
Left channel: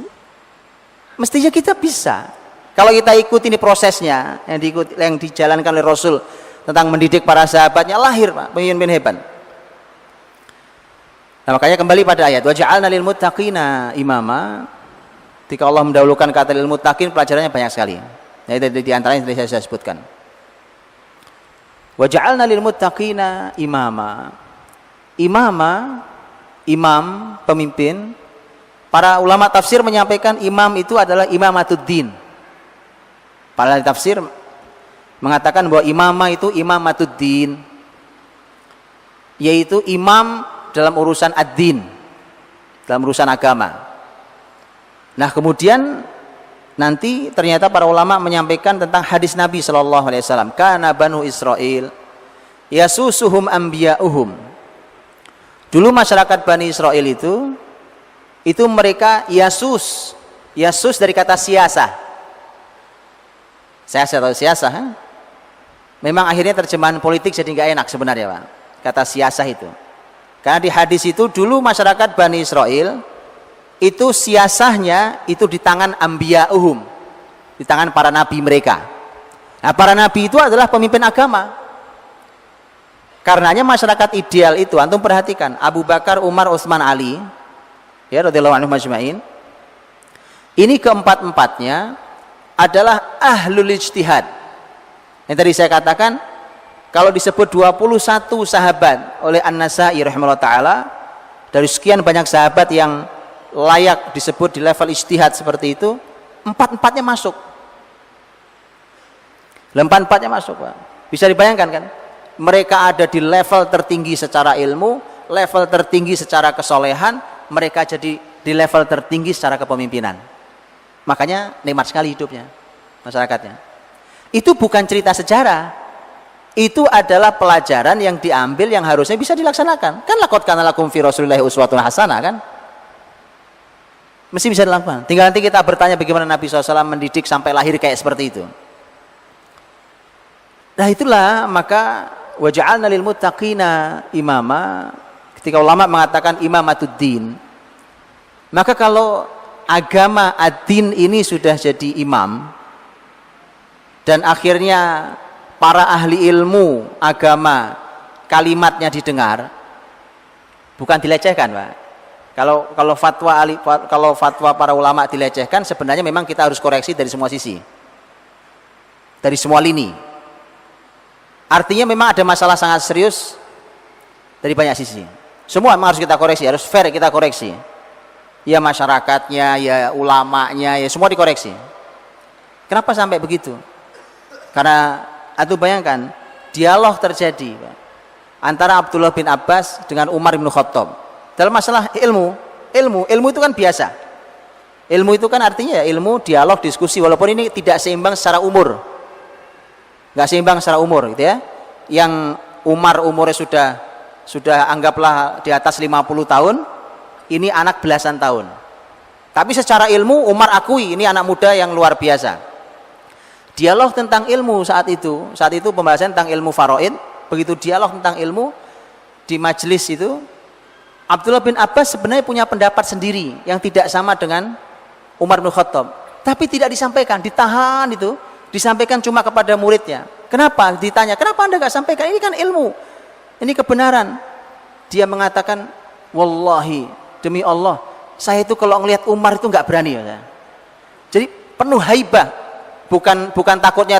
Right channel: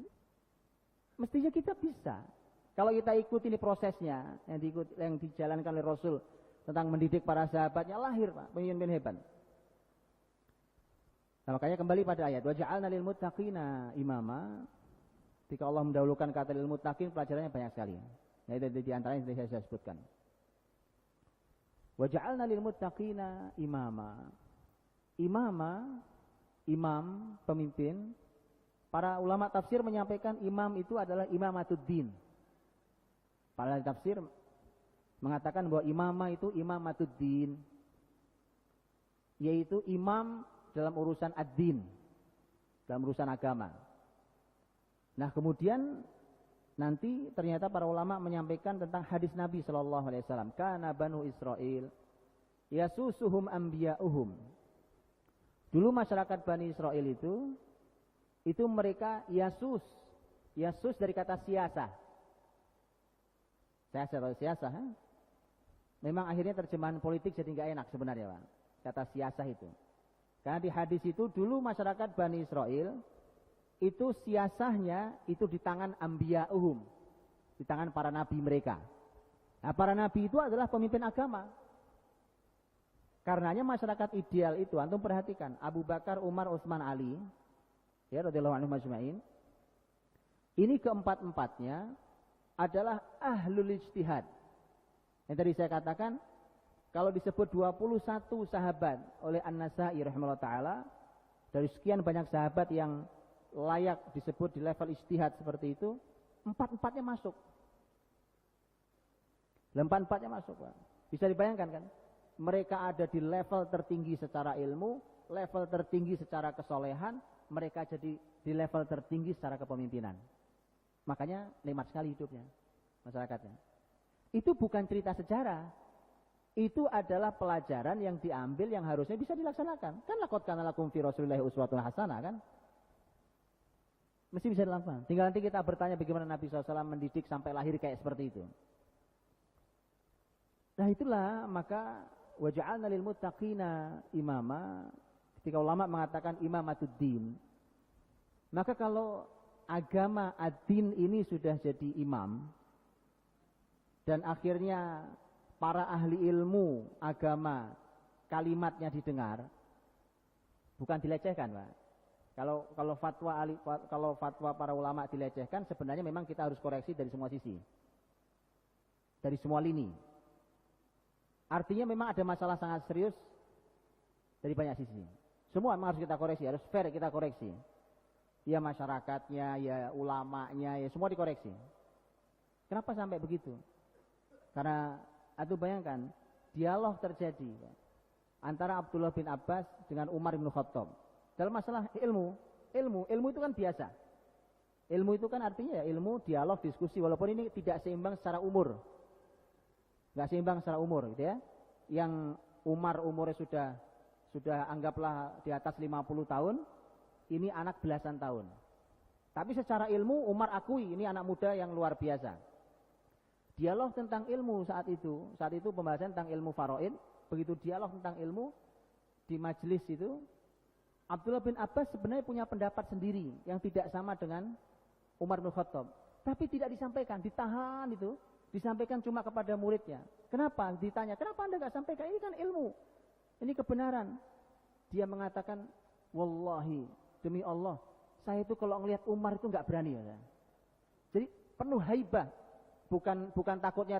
Mestinya kita bisa. Kalau kita ikuti ini prosesnya yang dijalankan oleh Rasul tentang mendidik para sahabatnya, lahir, Pak, pemimpin hebat. Nah, makanya kembali pada ayat wa ja'alna lil muttaqina imama. Ketika Allah mendahulukan kata lil muttaqin, pelajarannya banyak sekali. Nah, itu di antaranya yang saya sebutkan. Wa ja'alna lil muttaqina imama. Imam, pemimpin. Para ulama tafsir menyampaikan imam itu adalah imamatuddin. Para tafsir mengatakan bahwa imamah itu imamatuddin, yaitu imam dalam urusan ad-din, dalam urusan agama. Nah, kemudian nanti ternyata para ulama menyampaikan tentang hadis Nabi sallallahu alaihi wasallam, kana banu Israil yasusuhum anbiya'uhum. Dulu masyarakat Bani Israel itu itu mereka yasus dari kata siasah. Siasah atau siasah, memang akhirnya terjemahan politik jadi nggak enak sebenarnya Pak, kata siasah itu. Karena di hadis itu dulu masyarakat Bani Israel itu siasahnya itu di tangan ambiya'uhum, di tangan para nabi mereka. Nah, para nabi itu adalah pemimpin agama. Karenanya masyarakat ideal itu, antum perhatikan Abu Bakar, Umar, Utsman, Ali, ya radhiyallahu anhum ajma'in. Ini keempat-empatnya adalah ahlul ijtihad. Yang tadi saya katakan, kalau disebut 21 sahabat oleh An-Nasa'i rahimahullah ta'ala, dari sekian banyak sahabat yang layak disebut di level ijtihad seperti itu, empat-empatnya masuk. Empat-empatnya masuk Pak. Bisa dibayangkan kan? Mereka ada di level tertinggi secara ilmu, level tertinggi secara kesolehan, mereka jadi di level tertinggi secara kepemimpinan. Makanya nikmat sekali hidupnya masyarakatnya. Itu bukan cerita sejarah, itu adalah pelajaran yang diambil yang harusnya bisa dilaksanakan. Kan laqad kana lakum fi Rasulillahi uswatun hasanah kan? Mesti bisa dilakukan. Tinggal nanti kita bertanya bagaimana Nabi SAW mendidik sampai lahir kayak seperti itu. Nah itulah maka waja'alna lil muttaqina imama. Ketika ulama mengatakan imamatuddin, maka kalau agama ad-din ini sudah jadi imam dan akhirnya para ahli ilmu agama kalimatnya didengar, bukan dilecehkan Pak. Kalau fatwa para ulama dilecehkan, sebenarnya memang kita harus koreksi dari semua sisi, dari semua lini. Artinya memang ada masalah sangat serius dari banyak sisi. Semua memang harus kita koreksi, harus fair kita koreksi. Ya masyarakatnya, ya ulamanya, ya semua dikoreksi. Kenapa sampai begitu? Karena atau bayangkan dialog terjadi antara Abdullah bin Abbas dengan Umar bin Khattab dalam masalah ilmu itu kan biasa. Ilmu itu kan artinya ya ilmu, dialog, diskusi, walaupun ini tidak seimbang secara umur, nggak seimbang secara umur gitu ya. Yang Umar umurnya sudah anggaplah di atas 50 tahun, ini anak belasan tahun, tapi secara ilmu Umar akui ini anak muda yang luar biasa. Dialog tentang ilmu saat itu pembahasan tentang ilmu faraid, begitu dialog tentang ilmu di majelis itu, Abdullah bin Abbas sebenarnya punya pendapat sendiri yang tidak sama dengan Umar bin Khattab, tapi tidak disampaikan, ditahan itu, disampaikan cuma kepada muridnya. Kenapa? Ditanya, kenapa Anda nggak sampaikan? Ini kan ilmu, ini kebenaran. Dia mengatakan, wallahi, demi Allah, saya itu kalau ngelihat Umar itu nggak berani ya. Jadi penuh haibah. Bukan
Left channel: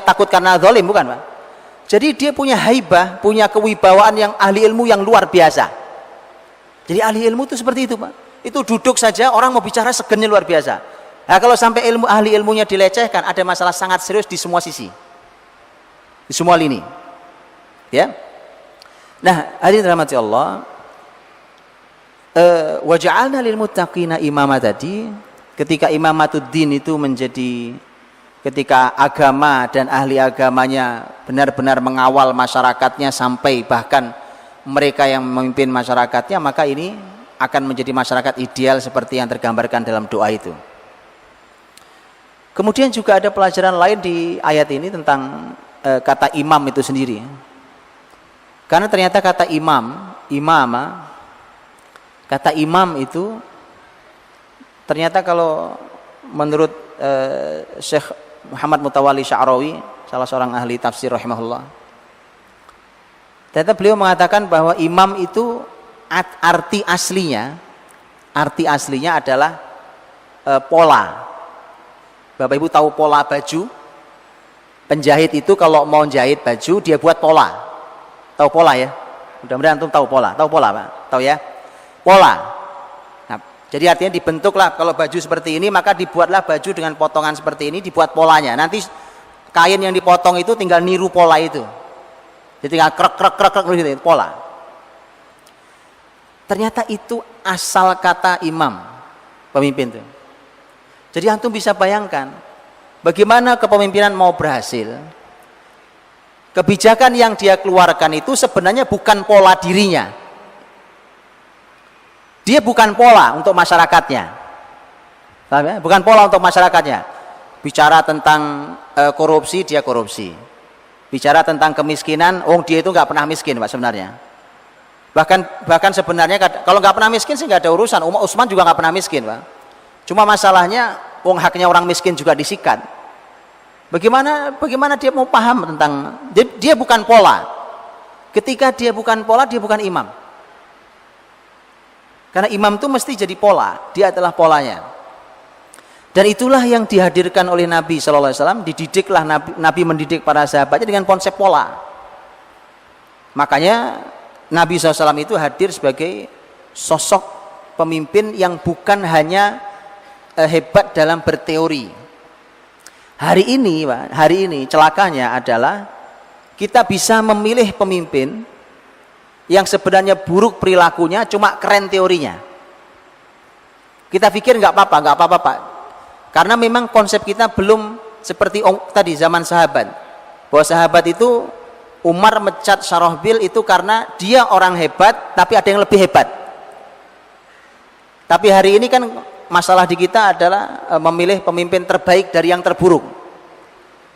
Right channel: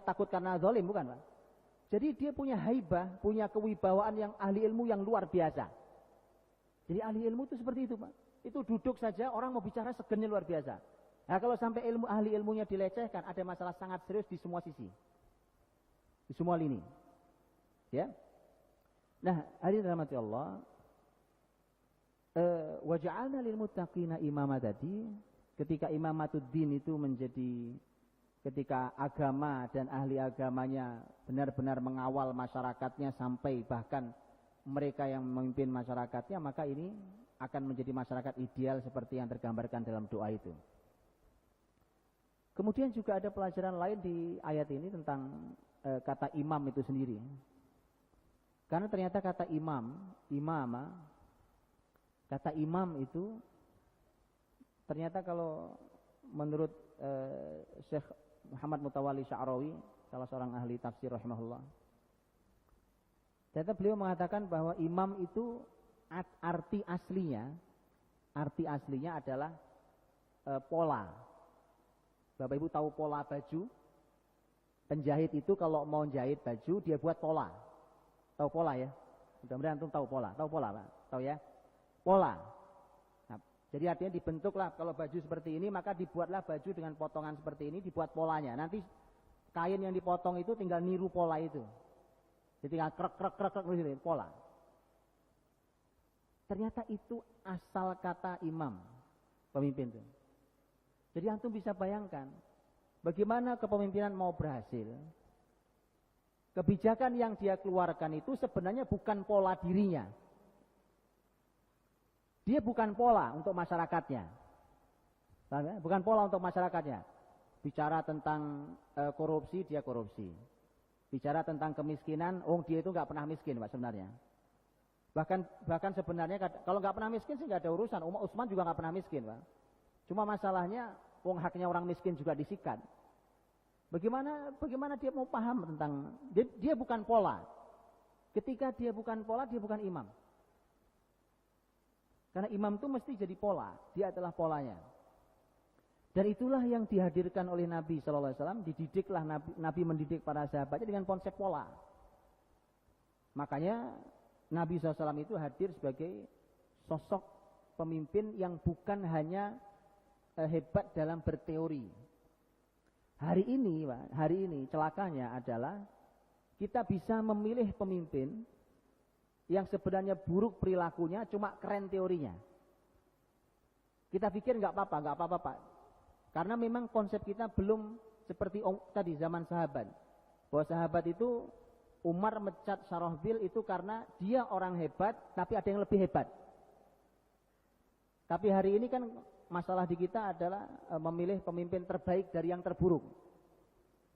takut karena zalim, bukan Pak. Jadi dia punya haibah, punya kewibawaan yang ahli ilmu yang luar biasa. Jadi ahli ilmu itu seperti itu Pak. Itu duduk saja orang mau bicara segennya luar biasa. Nah kalau sampai ahli ilmunya dilecehkan, ada masalah sangat serius di semua sisi, di semua lini. Ya. Nah hadirin rahmati Allah, waja'alna lil muttaqina imama tadi, ketika imamatuddin itu menjadi ketika agama dan ahli agamanya benar-benar mengawal masyarakatnya sampai bahkan mereka yang memimpin masyarakatnya, maka ini akan menjadi masyarakat ideal seperti yang tergambarkan dalam doa itu. Kemudian juga ada pelajaran lain di ayat ini tentang kata imam itu sendiri. Karena ternyata kata kata imam itu ternyata kalau menurut Syekh Muhammad Mutawalli Sya'rawi, salah seorang ahli tafsir rahimahullah, ternyata beliau mengatakan bahwa imam itu arti aslinya adalah pola. Bapak Ibu tahu pola baju? Penjahit itu kalau mau jahit baju dia buat pola. Tahu pola ya? Mudah-mudahan antum tahu pola. Tahu pola Pak? Tahu ya? Pola. Jadi artinya dibentuklah kalau baju seperti ini, maka dibuatlah baju dengan potongan seperti ini, dibuat polanya. Nanti kain yang dipotong itu tinggal niru pola itu. Jadi tinggal krek gitu, pola. Ternyata itu asal kata imam, pemimpin itu. Jadi antum bisa bayangkan bagaimana kepemimpinan mau berhasil. Kebijakan yang dia keluarkan itu sebenarnya bukan pola dirinya. Dia bukan pola untuk masyarakatnya. Paham ya? Bukan pola untuk masyarakatnya. Bicara tentang korupsi, dia korupsi. Bicara tentang kemiskinan, dia itu nggak pernah miskin Pak sebenarnya. Bahkan sebenarnya kalau nggak pernah miskin sih nggak ada urusan. Utsman juga nggak pernah miskin Pak. Cuma masalahnya haknya orang miskin juga disikat. Bagaimana dia mau paham tentang dia bukan pola. Ketika dia bukan pola, dia bukan imam. Karena imam itu mesti jadi pola, dia adalah polanya. Dan itulah yang dihadirkan oleh Nabi SAW, dididiklah Nabi mendidik para sahabatnya dengan konsep pola. Makanya Nabi SAW itu hadir sebagai sosok pemimpin yang bukan hanya hebat dalam berteori. Hari ini celakanya adalah kita bisa memilih pemimpin yang sebenarnya buruk perilakunya, cuma keren teorinya. Kita pikir nggak apa-apa Pak. Karena memang konsep kita belum seperti tadi zaman sahabat. Bahwa sahabat itu Umar mecat Syarahbil itu karena dia orang hebat, tapi ada yang lebih hebat. Tapi hari ini kan masalah di kita adalah memilih pemimpin terbaik dari yang terburuk.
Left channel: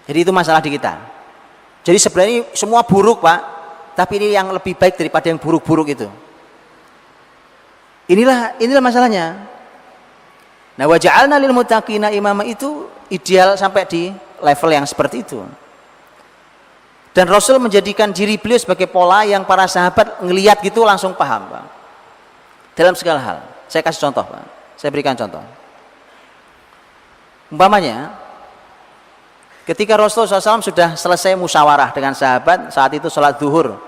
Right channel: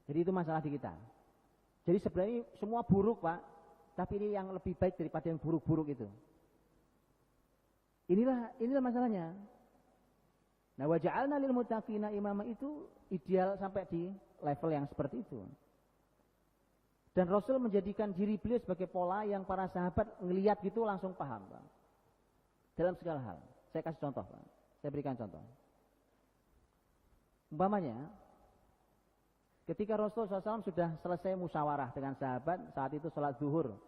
Jadi itu masalah di kita. Jadi sebenarnya semua buruk Pak, tapi ini yang lebih baik daripada yang buruk-buruk itu. Inilah masalahnya. Nah, wa ja'alna lil muttaqina imama itu ideal sampai di level yang seperti itu. Dan Rasul menjadikan diri beliau sebagai pola yang para sahabat ngelihat gitu langsung paham Pak. Dalam segala hal. Saya kasih contoh Pak. Saya berikan contoh. Umpamanya ketika Rasulullah SAW sudah selesai musyawarah dengan sahabat, saat itu sholat zuhur.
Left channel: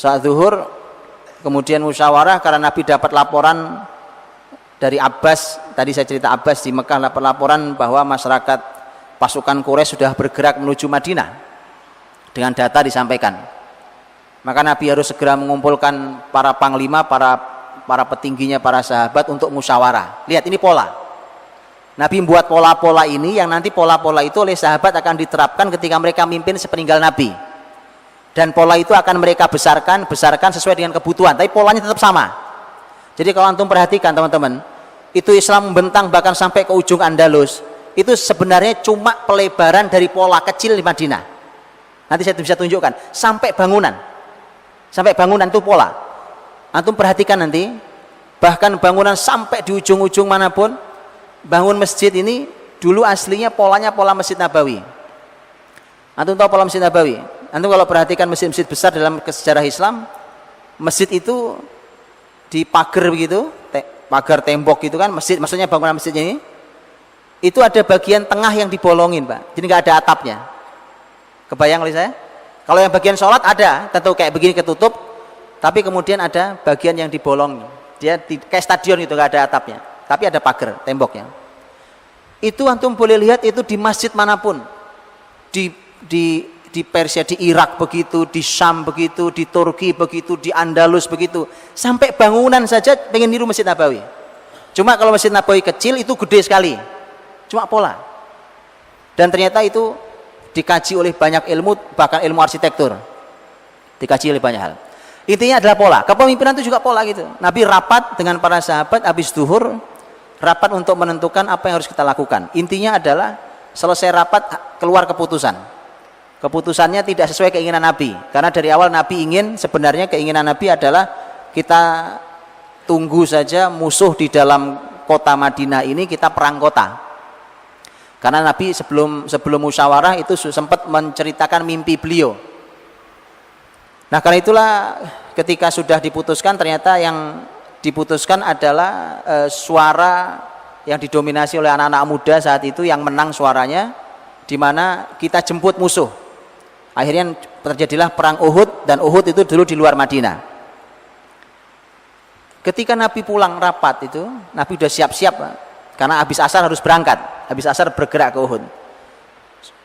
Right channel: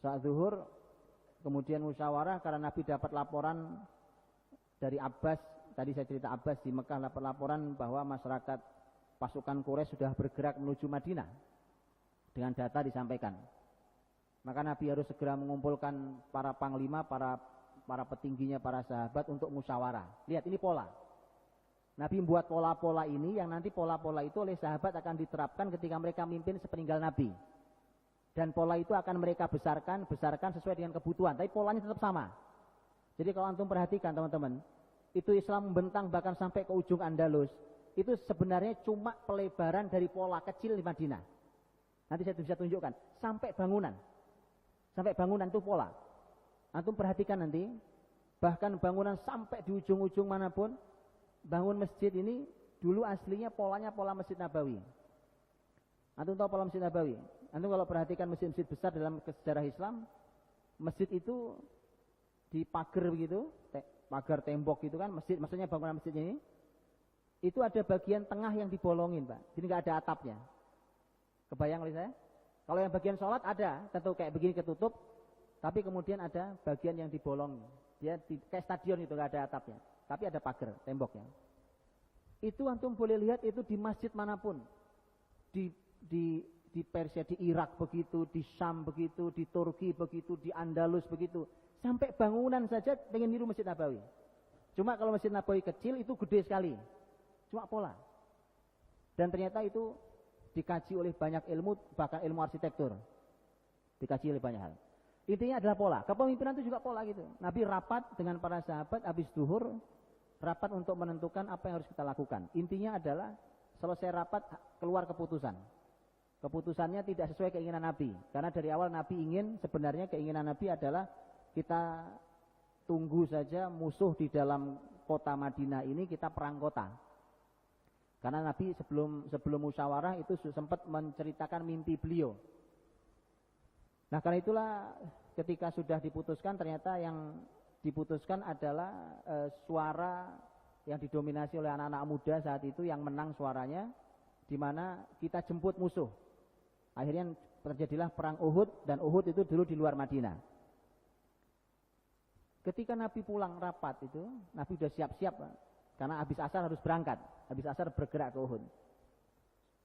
Sholat zuhur, kemudian musyawarah karena Nabi dapat laporan dari Abbas, tadi saya cerita Abbas di Mekah dapat laporan bahwa masyarakat pasukan Quraisy sudah bergerak menuju Madinah. Dengan data disampaikan. Maka Nabi harus segera mengumpulkan para panglima, para petingginya, para sahabat untuk musyawarah. Lihat ini pola. Nabi membuat pola-pola ini yang nanti pola-pola itu oleh sahabat akan diterapkan ketika mereka mimpin sepeninggal Nabi. Dan pola itu akan mereka besarkan sesuai dengan kebutuhan, tapi polanya tetap sama. Jadi kalau antum perhatikan teman-teman, itu Islam membentang bahkan sampai ke ujung Andalus. Itu sebenarnya cuma pelebaran dari pola kecil di Madinah. Nanti saya bisa tunjukkan sampai bangunan itu pola. Antum perhatikan nanti, bahkan bangunan sampai di ujung-ujung manapun. Bangun masjid ini dulu aslinya polanya pola Masjid Nabawi. Antum tahu pola Masjid Nabawi? Antum kalau perhatikan masjid-masjid besar dalam sejarah Islam, masjid itu di pagar begitu, pagar tembok gitu kan, masjid, maksudnya bangunan masjid ini, itu ada bagian tengah yang dibolongin Pak, jadi nggak ada atapnya. Kebayang oleh saya? Kalau yang bagian sholat ada, tentu kayak begini ketutup, tapi kemudian ada bagian yang dibolong, dia kayak stadion itu nggak ada atapnya. Tapi ada pagar temboknya. Itu antum boleh lihat itu di masjid manapun, di Persia, di Irak begitu, di Syam begitu, di Turki begitu, di Andalus begitu, sampai bangunan saja pengen niru Masjid Nabawi. Cuma kalau Masjid Nabawi kecil itu gede sekali, cuma pola. Dan ternyata itu dikaji oleh banyak ilmu, bahkan ilmu arsitektur, dikaji oleh banyak hal. Intinya adalah pola. Kepemimpinan itu juga pola gitu. Nabi rapat dengan para sahabat habis zuhur, rapat untuk menentukan apa yang harus kita lakukan. Intinya adalah selesai rapat keluar keputusan. Keputusannya tidak sesuai keinginan Nabi. Karena dari awal Nabi sebenarnya keinginan Nabi adalah kita tunggu saja musuh di dalam kota Madinah ini, kita perang kota. Karena Nabi sebelum musyawarah itu sempat menceritakan mimpi beliau. Nah karena itulah ketika sudah diputuskan, ternyata yang diputuskan adalah suara yang didominasi oleh anak-anak muda saat itu yang menang suaranya, di mana kita jemput musuh. Akhirnya terjadilah perang Uhud, dan Uhud itu dulu di luar Madinah. Ketika Nabi pulang rapat itu, Nabi sudah siap-siap karena habis asar harus berangkat, habis asar bergerak ke Uhud.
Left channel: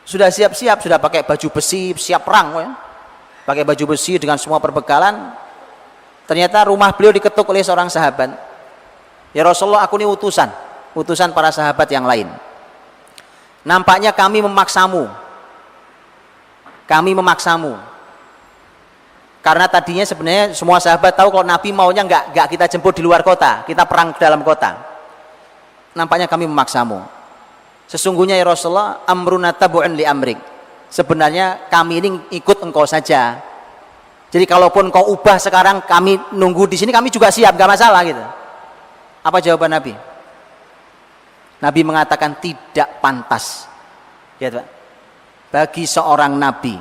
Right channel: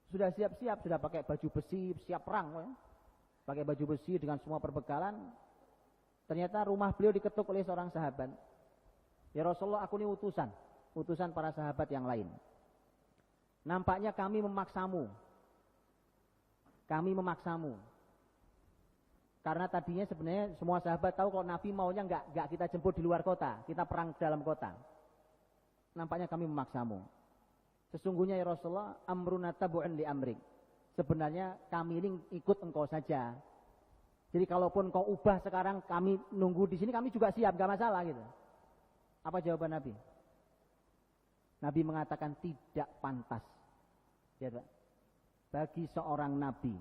Sudah siap-siap, sudah pakai baju besi, siap perang ya. Pakai baju besi dengan semua perbekalan. Ternyata rumah beliau diketuk oleh seorang sahabat. Ya Rasulullah, aku ini utusan para sahabat yang lain. Nampaknya kami memaksamu. Karena tadinya sebenarnya semua sahabat tahu kalau Nabi maunya nggak kita jemput di luar kota, kita perang ke dalam kota. Nampaknya kami memaksamu. Sesungguhnya ya Rasulullah, amruna tabu'un li amrik. Sebenarnya kami ini ikut engkau saja. Jadi kalaupun kau ubah sekarang, kami nunggu di sini, kami juga siap, nggak masalah gitu. Apa jawaban Nabi? Nabi mengatakan tidak pantas. Lihat Pak, bagi seorang Nabi.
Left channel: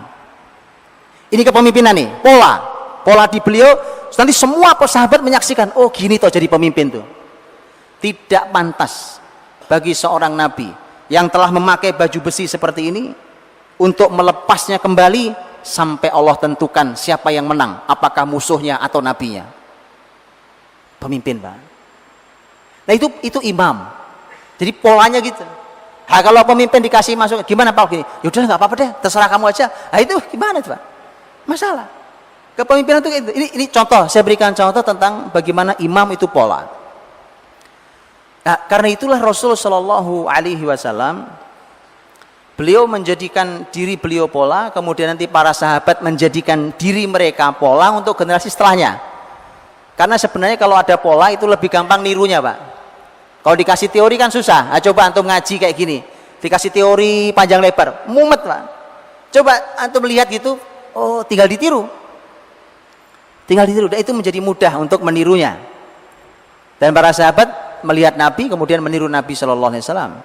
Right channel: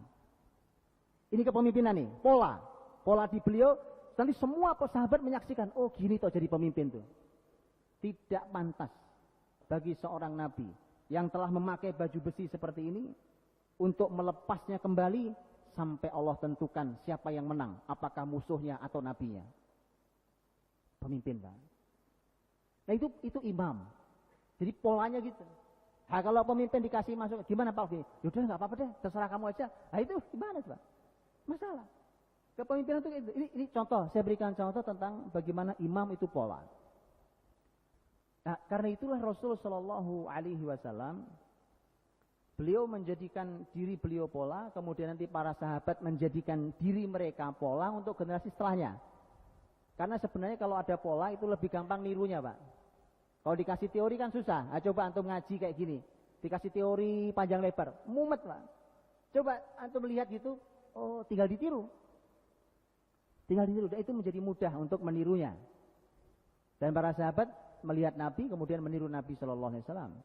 Ini kepemimpinan nih, pola di beliau. Nanti semua sahabat menyaksikan, oh gini toh jadi pemimpin tuh. Tidak pantas bagi seorang Nabi yang telah memakai baju besi seperti ini untuk melepasnya kembali sampai Allah tentukan siapa yang menang, apakah musuhnya atau nabinya. Pemimpin Pak. Nah itu imam. Jadi polanya gitu. Nah, kalau pemimpin dikasih masuk, gimana Pak gini? Yaudah nggak apa-apa deh, terserah kamu aja. Nah itu gimana tuh Pak? Masalah. Kepemimpinan itu ini contoh, saya berikan contoh tentang bagaimana imam itu pola. Nah, karena itulah Rasul Shallallahu Alaihi Wasallam beliau menjadikan diri beliau pola, kemudian nanti para sahabat menjadikan diri mereka pola untuk generasi setelahnya. Karena sebenarnya kalau ada pola itu lebih gampang nirunya Pak. Kalau dikasih teori kan susah. Nah, coba antum ngaji kayak gini, dikasih teori panjang lebar, mumet Pak. Coba antum lihat gitu, oh tinggal ditiru. Dan itu menjadi mudah untuk menirunya. Dan para sahabat melihat Nabi, kemudian meniru Nabi Shallallahu Alaihi Wasallam.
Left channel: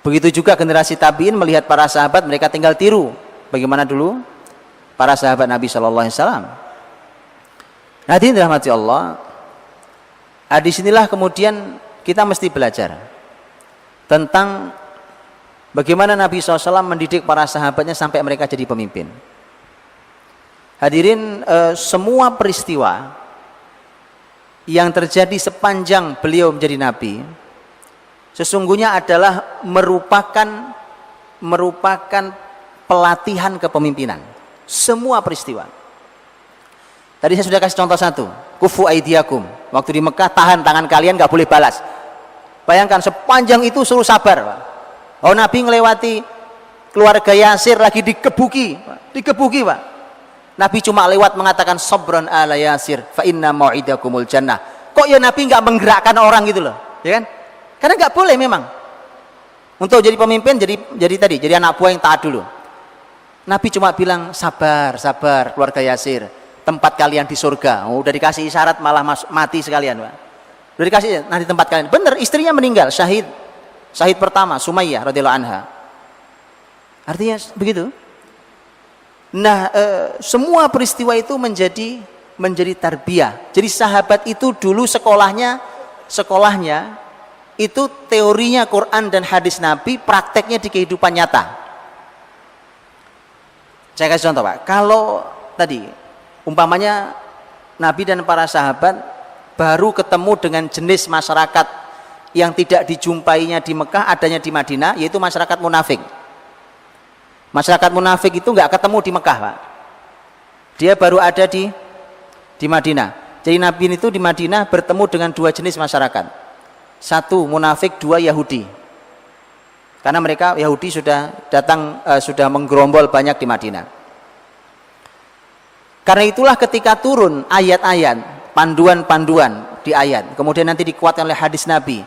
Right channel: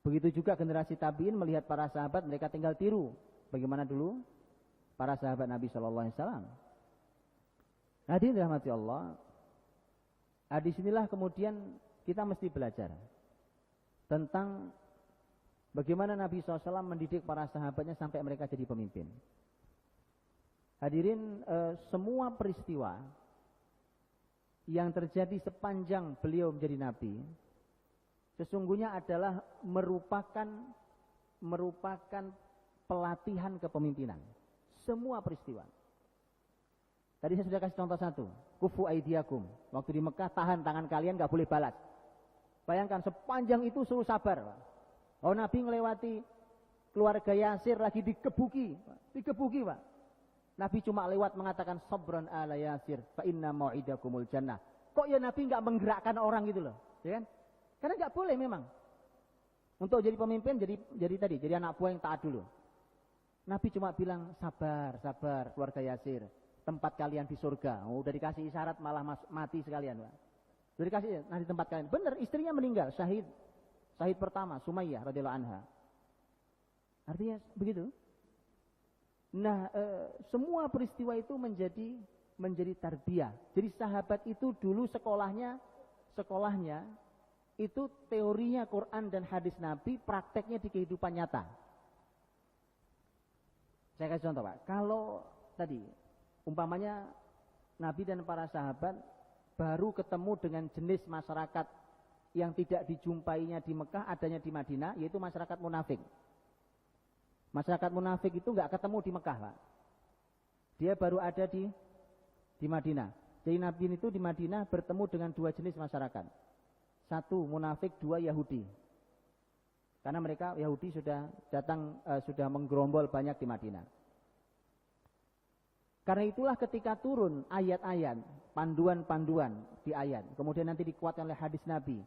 Begitu juga generasi tabiin melihat para sahabat, mereka tinggal tiru. Bagaimana dulu para sahabat Nabi Shallallahu Alaihi Wasallam. Hadirin dirahmati Allah. Disinilah kemudian kita mesti belajar tentang bagaimana Nabi SAW mendidik para sahabatnya sampai mereka jadi pemimpin. Hadirin, semua peristiwa yang terjadi sepanjang beliau menjadi Nabi sesungguhnya adalah merupakan pelatihan kepemimpinan. Semua peristiwa. Tadi saya sudah kasih contoh satu, kufu aidiakum. Waktu di Mekah, tahan tangan kalian, nggak boleh balas. Bayangkan sepanjang itu suruh sabar Pak. Oh Nabi ngelewati keluarga Yasir lagi dikebuki Pak. Nabi cuma lewat mengatakan sabran ala Yasir fa inna mau'idakumul jannah. Kok ya Nabi nggak menggerakkan orang gitu loh, ya kan? Karena nggak boleh memang. Untuk jadi pemimpin, jadi anak buah yang taat dulu. Nabi cuma bilang sabar keluarga Yasir, tempat kalian di surga. Oh, udah dikasih isyarat malah mati sekalian Pak. Udah dikasih nanti tempat kalian. Bener, istrinya meninggal, syahid pertama Sumayyah radhiyallahu anha. Artinya begitu. Nah, semua peristiwa itu menjadi tarbiyah. Jadi sahabat itu dulu sekolahnya itu teorinya Quran dan hadis Nabi, prakteknya di kehidupan nyata. Saya kasih contoh Pak. Kalau tadi umpamanya Nabi dan para sahabat baru ketemu dengan jenis masyarakat yang tidak dijumpainya di Mekah, adanya di Madinah, yaitu masyarakat munafik. Masyarakat munafik itu nggak ketemu di Mekah Pak. Dia baru ada di Madinah. Jadi Nabi itu di Madinah bertemu dengan dua jenis masyarakat. Satu munafik, dua Yahudi. Karena mereka Yahudi sudah datang, sudah menggerombol banyak di Madinah. Karena itulah ketika turun ayat-ayat, panduan-panduan di ayat, kemudian nanti dikuatkan oleh hadis Nabi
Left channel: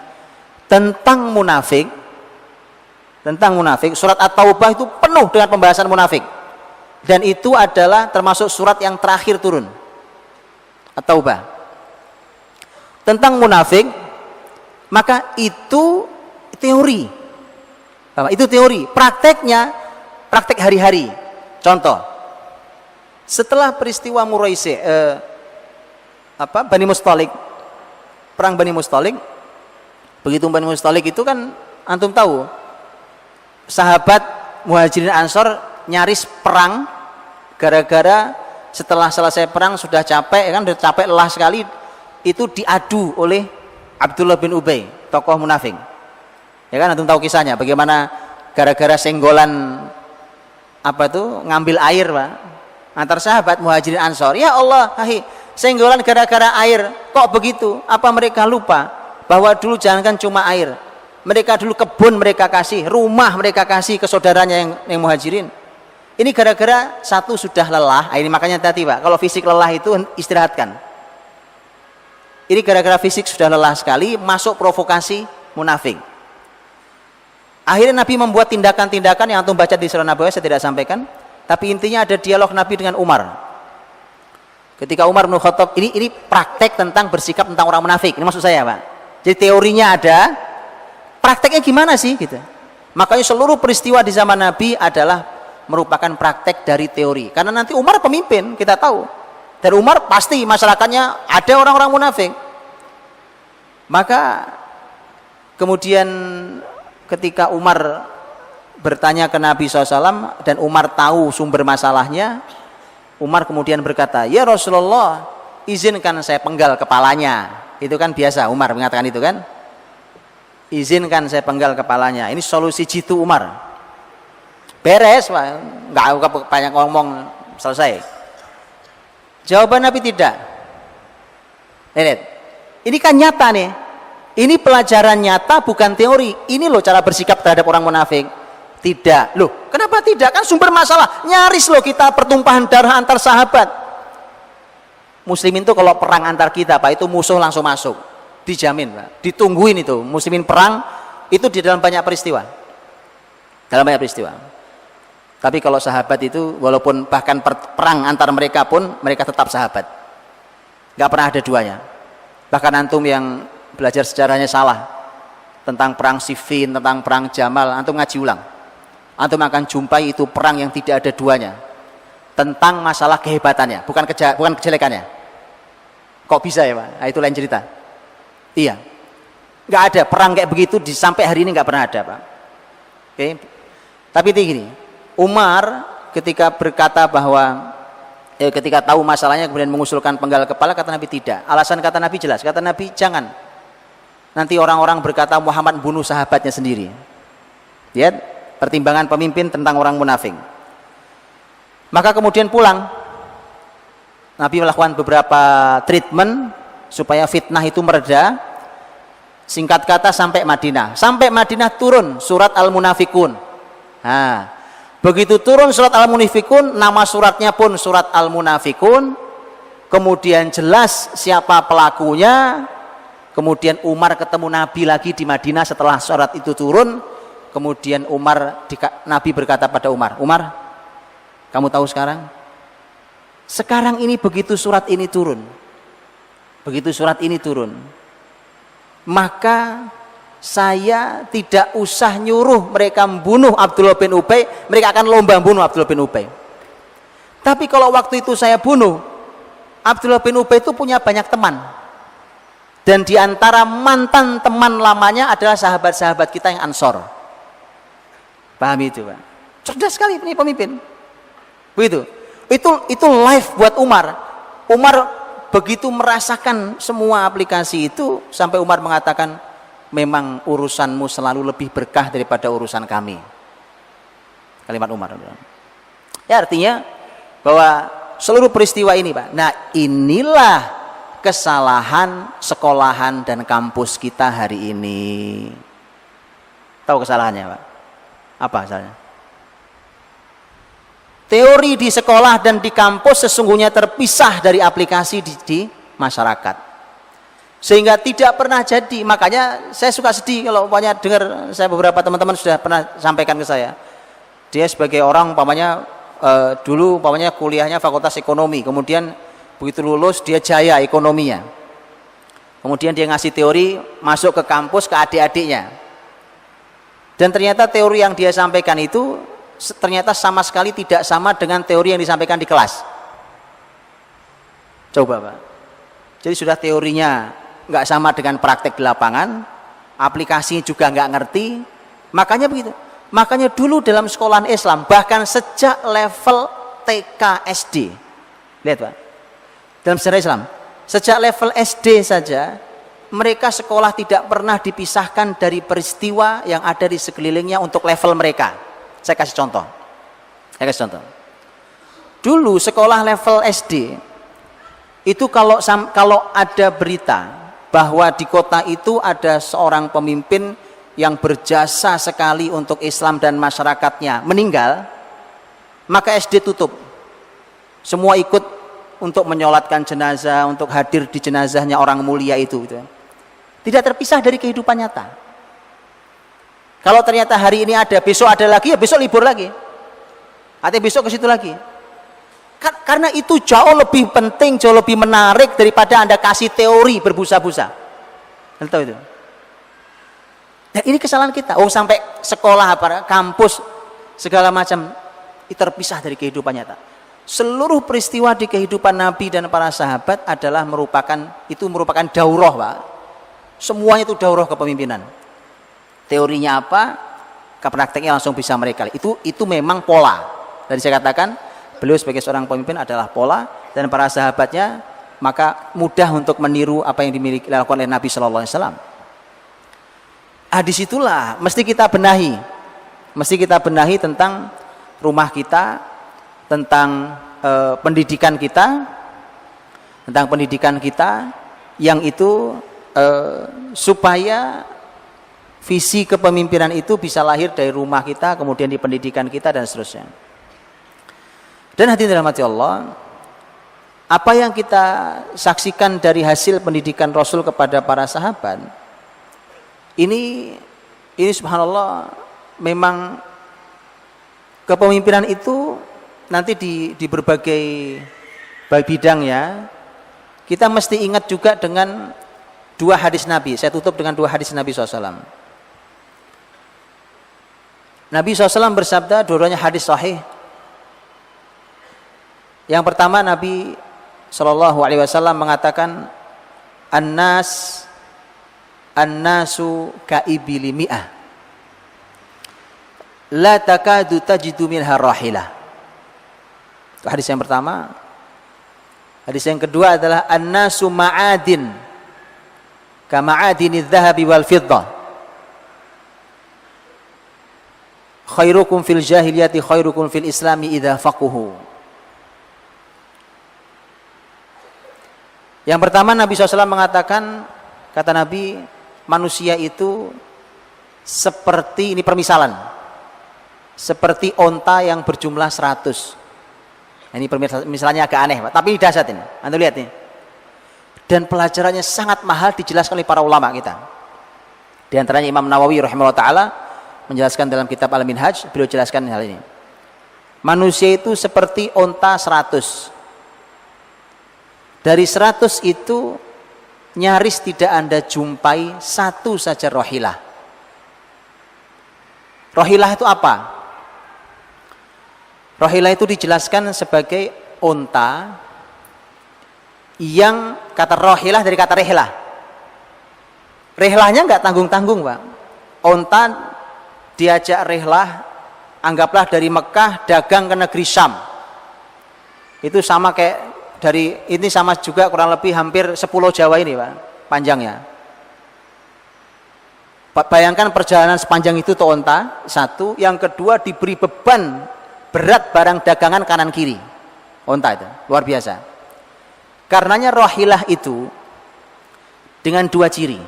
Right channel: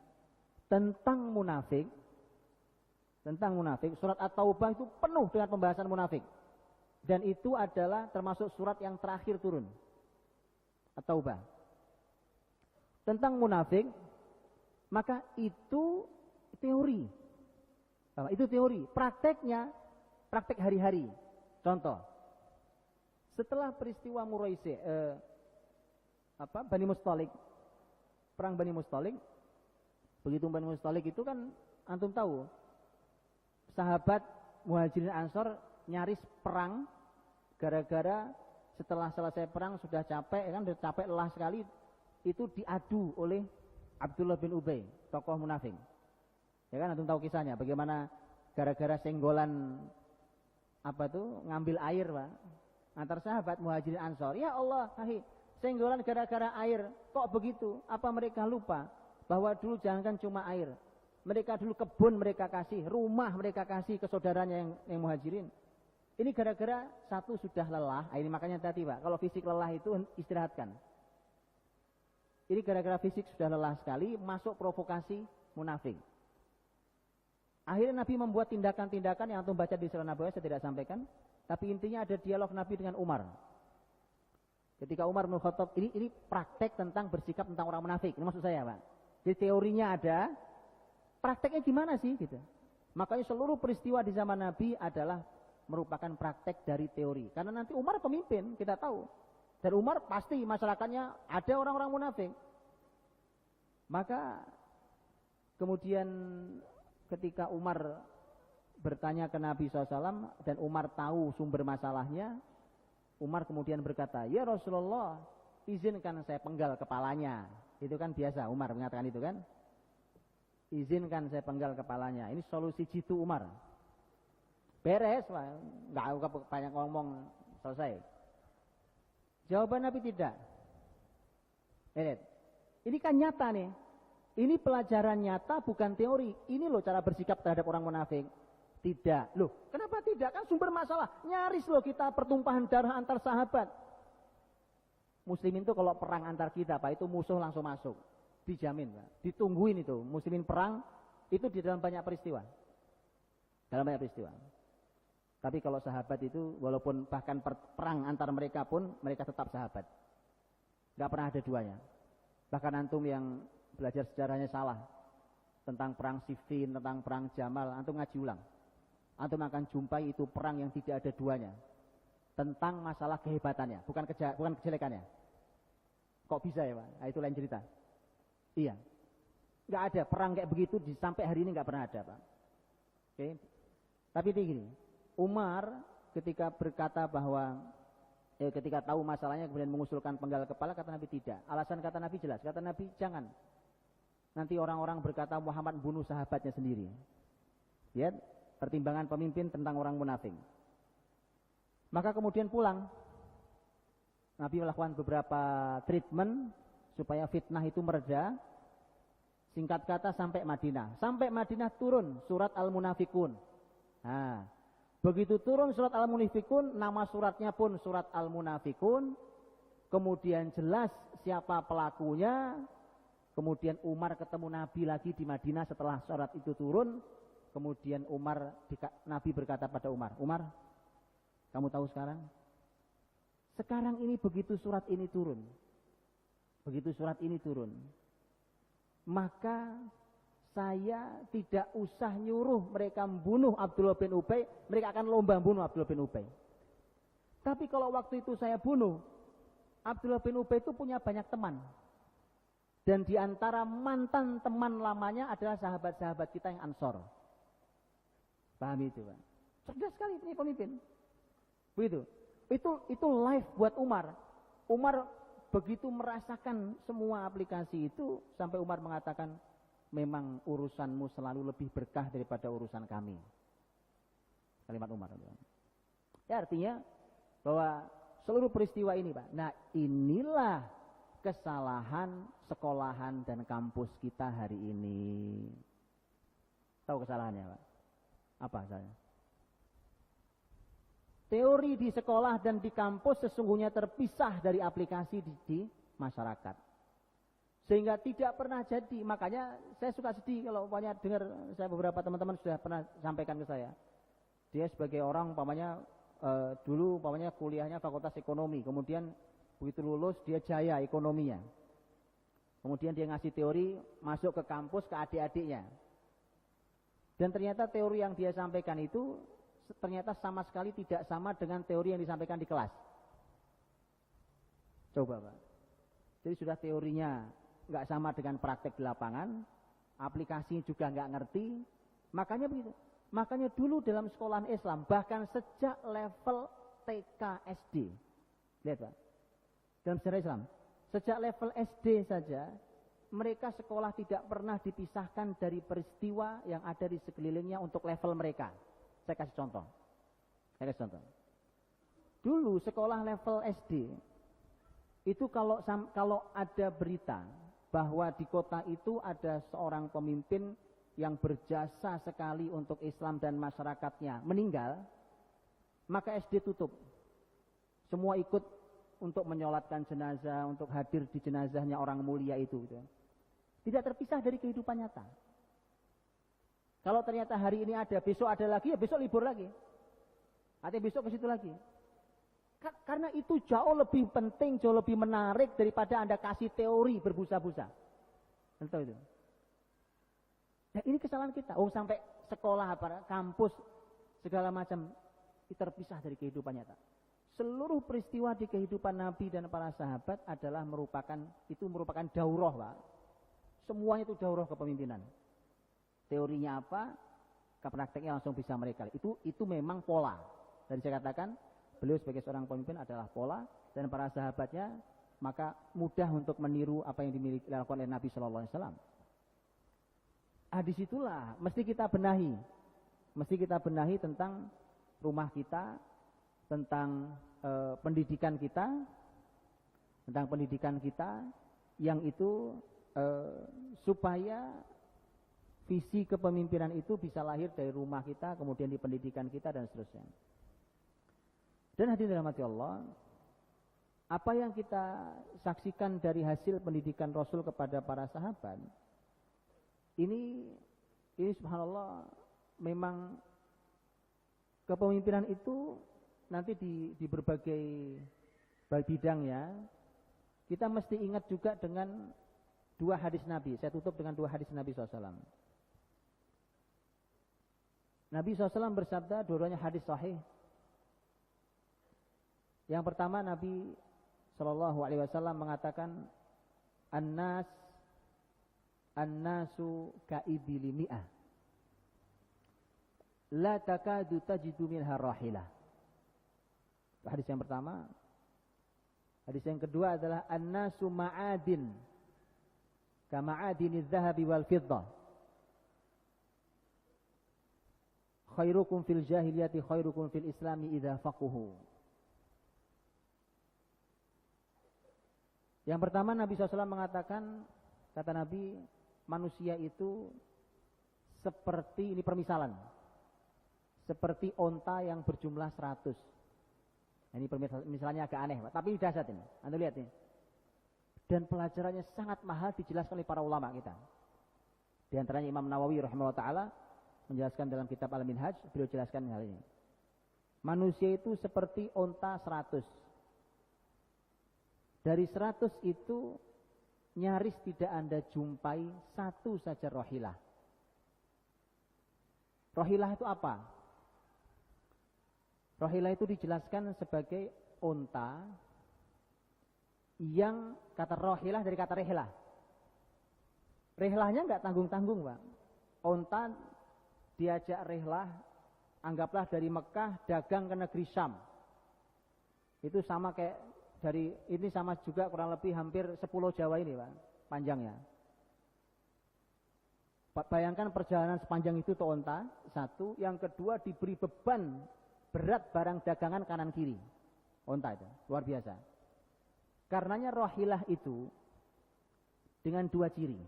tentang munafik, surat At-Taubah itu penuh dengan pembahasan munafik. Dan itu adalah termasuk surat yang terakhir turun, At-Taubah. Tentang munafik, maka itu teori. Itu teori, prakteknya praktek hari-hari. Contoh, setelah peristiwa Muraisi, Bani Mustalik, perang Bani Mustalik, begitu Bani Mustalik itu kan antum tahu, sahabat Muhajirin Ansor nyaris perang gara-gara setelah selesai perang sudah capek, kan sudah capek lelah sekali, itu diadu oleh Abdullah bin Ubay, tokoh munafik. Ya kan antum tahu kisahnya, bagaimana gara-gara senggolan ngambil air Pak, antar sahabat Muhajirin Ansor. Ya Allah, senggolan gara-gara air, kok begitu? Apa mereka lupa bahwa dulu jangankan cuma air, mereka dulu kebun mereka kasih, rumah mereka kasih ke saudaranya yang Muhajirin. Ini gara-gara satu sudah lelah, ini makanya tadi Pak, kalau fisik lelah itu istirahatkan. Ini gara-gara fisik sudah lelah sekali, masuk provokasi munafik. Akhirnya Nabi membuat tindakan-tindakan yang antum baca di surah Nabawiyah, saya tidak sampaikan, tapi intinya ada dialog Nabi dengan Umar. Ketika Umar bin Khattab, ini praktek tentang bersikap tentang orang munafik, ini maksud saya Pak. Jadi teorinya ada, prakteknya gimana sih gitu. Makanya seluruh peristiwa di zaman Nabi adalah merupakan praktek dari teori. Karena nanti Umar pemimpin, kita tahu. Dari Umar pasti masyarakatnya ada orang-orang munafik. Maka kemudian ketika Umar bertanya ke Nabi SAW dan Umar tahu sumber masalahnya, Umar kemudian berkata, ya Rasulullah, izinkan saya penggal kepalanya. Itu kan biasa Umar mengatakan itu kan. Izinkan saya penggal kepalanya. Ini solusi jitu Umar. Beres, nggak banyak ngomong, selesai. Jawaban Nabi tidak. Lihat, ini kan nyata nih. Ini pelajaran nyata, bukan teori. Ini loh cara bersikap terhadap orang munafik. Tidak, loh, kenapa tidak? Kan sumber masalah. Nyaris loh kita pertumpahan darah antar sahabat. Muslimin itu kalau perang antar kita, Pak, itu musuh langsung masuk, dijamin, Pak. Ditungguin itu. Muslimin perang itu di dalam banyak peristiwa. Dalam banyak peristiwa. Tapi kalau sahabat itu walaupun bahkan perang antar mereka pun mereka tetap sahabat. Gak pernah ada duanya. Bahkan antum yang belajar sejarahnya salah tentang perang Siffin, tentang perang Jamal, antum ngaji ulang. Antum akan jumpai itu perang yang tidak ada duanya. Tentang masalah kehebatannya, bukan kejelekannya. Kok bisa ya Pak? Nah, itu lain cerita. Iya. Gak ada perang kayak begitu sampai hari ini gak pernah ada Pak. Oke. Tapi itu gini. Umar ketika berkata bahwa ketika tahu masalahnya kemudian mengusulkan penggal kepala, kata Nabi tidak. Alasan kata Nabi jelas, kata Nabi jangan. Nanti orang-orang berkata Muhammad bunuh sahabatnya sendiri. Lihat pertimbangan pemimpin tentang orang munafik. Maka kemudian pulang. Nabi melakukan beberapa treatment supaya fitnah itu mereda. Singkat kata sampai Madinah. Sampai Madinah turun surat Al-Munafikun. Nah, begitu turun surat Al-Munafikun, nama suratnya pun surat Al-Munafikun, kemudian jelas siapa pelakunya. Kemudian Umar ketemu Nabi lagi di Madinah setelah surat itu turun. Kemudian Nabi berkata pada Umar, Umar, kamu tahu sekarang ini begitu surat ini turun, maka saya tidak usah nyuruh mereka membunuh Abdullah bin Ubay, mereka akan lomba bunuh Abdullah bin Ubay. Tapi kalau waktu itu saya bunuh, Abdullah bin Ubay itu punya banyak teman. Dan diantara mantan teman lamanya adalah sahabat-sahabat kita yang Ansor. Pahami itu Pak? Cerdas sekali ini pemimpin. Begitu. Itu live buat Umar. Umar begitu merasakan semua aplikasi itu sampai Umar mengatakan, memang urusanmu selalu lebih berkah daripada urusan kami. Kalimat Umar. Ya artinya bahwa seluruh peristiwa ini Pak. Nah inilah kesalahan sekolahan dan kampus kita hari ini. Tahu kesalahannya Pak? Apa asalnya? Teori di sekolah dan di kampus sesungguhnya terpisah dari aplikasi di masyarakat. Sehingga tidak pernah jadi. Makanya saya suka sedih kalau umpamanya dengar, saya beberapa teman-teman sudah pernah sampaikan ke saya. Dia sebagai orang umpamanya dulu umpamanya kuliahnya fakultas ekonomi, kemudian begitu lulus dia jaya ekonominya. Kemudian dia ngasih teori masuk ke kampus ke adik-adiknya. Dan ternyata teori yang dia sampaikan itu ternyata sama sekali tidak sama dengan teori yang disampaikan di kelas. Coba Pak. Jadi sudah teorinya nggak sama dengan praktek di lapangan, aplikasinya juga nggak ngerti. Makanya begitu. Makanya dulu dalam sekolahan Islam bahkan sejak level TK SD, lihat Pak, dalam sejarah Islam sejak level SD saja mereka sekolah tidak pernah dipisahkan dari peristiwa yang ada di sekelilingnya untuk level mereka. Saya kasih contoh. Dulu sekolah level SD itu kalau ada berita bahwa di kota itu ada seorang pemimpin yang berjasa sekali untuk Islam dan masyarakatnya meninggal, maka SD tutup. Semua ikut untuk menyolatkan jenazah, untuk hadir di jenazahnya orang mulia itu. Tidak terpisah dari kehidupan nyata. Kalau ternyata hari ini ada, besok ada lagi, ya besok libur lagi. Atau besok ke situ lagi. Karena itu jauh lebih penting, jauh lebih menarik daripada Anda kasih teori berbusa-busa. Anda tahu itu? Dan ini kesalahan kita. Oh, sampai sekolah, kampus, segala macam itu terpisah dari kehidupan nyata. Seluruh peristiwa di kehidupan Nabi dan para sahabat adalah merupakan daurah, Pak. Semuanya itu daurah kepemimpinan. Teorinya apa? Prakteknya langsung bisa mereka. Itu memang pola. Dan saya katakan beliau sebagai seorang pemimpin adalah pola, dan para sahabatnya maka mudah untuk meniru apa yang dilakukan oleh Nabi Shallallahu Alaihi Wasallam. Disitulah mesti kita benahi tentang rumah kita, tentang pendidikan kita, yang itu supaya visi kepemimpinan itu bisa lahir dari rumah kita, kemudian di pendidikan kita dan seterusnya. Dan hadirin dirahmati Allah, apa yang kita saksikan dari hasil pendidikan Rasul kepada para sahabat, ini subhanallah, memang kepemimpinan itu nanti di berbagai bidang ya. Kita mesti ingat juga dengan dua hadis Nabi. Saya tutup dengan dua hadis Nabi SAW. Nabi SAW bersabda, dua-duanya hadis sahih. Yang pertama, Nabi SAW mengatakan, An-nasu ka'ibili mi'ah, la takadu tajidu minha rahilah. Itu hadis yang pertama. Hadis yang kedua adalah an-nasu ma'adin ka ma'adini dhahabi wal fiddah, khairukum fil jahiliyati khairukum fil islami idza faquhu. Yang pertama, Nabi SAW mengatakan, kata Nabi, manusia itu seperti, ini permisalan, seperti onta yang berjumlah 100. Ini misalnya agak aneh, Pak, tapi ini dahsyat ini. Anda lihat nih. Dan pelajarannya sangat mahal, dijelaskan oleh para ulama kita. Di antaranya Imam Nawawi rahimahullah ta'ala menjelaskan dalam kitab Al-Minhaj, beliau jelaskan hal ini. Manusia itu seperti onta 100. Dari 100 itu nyaris tidak Anda jumpai satu saja rohilah. Rohilah itu apa? Rohilah itu dijelaskan sebagai unta yang, kata rohilah dari kata rehlah. Rehlahnya nggak tanggung-tanggung, Pak. Unta diajak rehlah, anggaplah dari Mekah dagang ke negeri Syam. Itu sama kayak ini sama juga kurang lebih hampir 10 Jawa ini, Pak, panjangnya. Bayangkan perjalanan sepanjang itu tuh onta, satu. Yang kedua, diberi beban berat barang dagangan kanan kiri. Onta itu, luar biasa. Karenanya rohilah itu dengan dua ciri.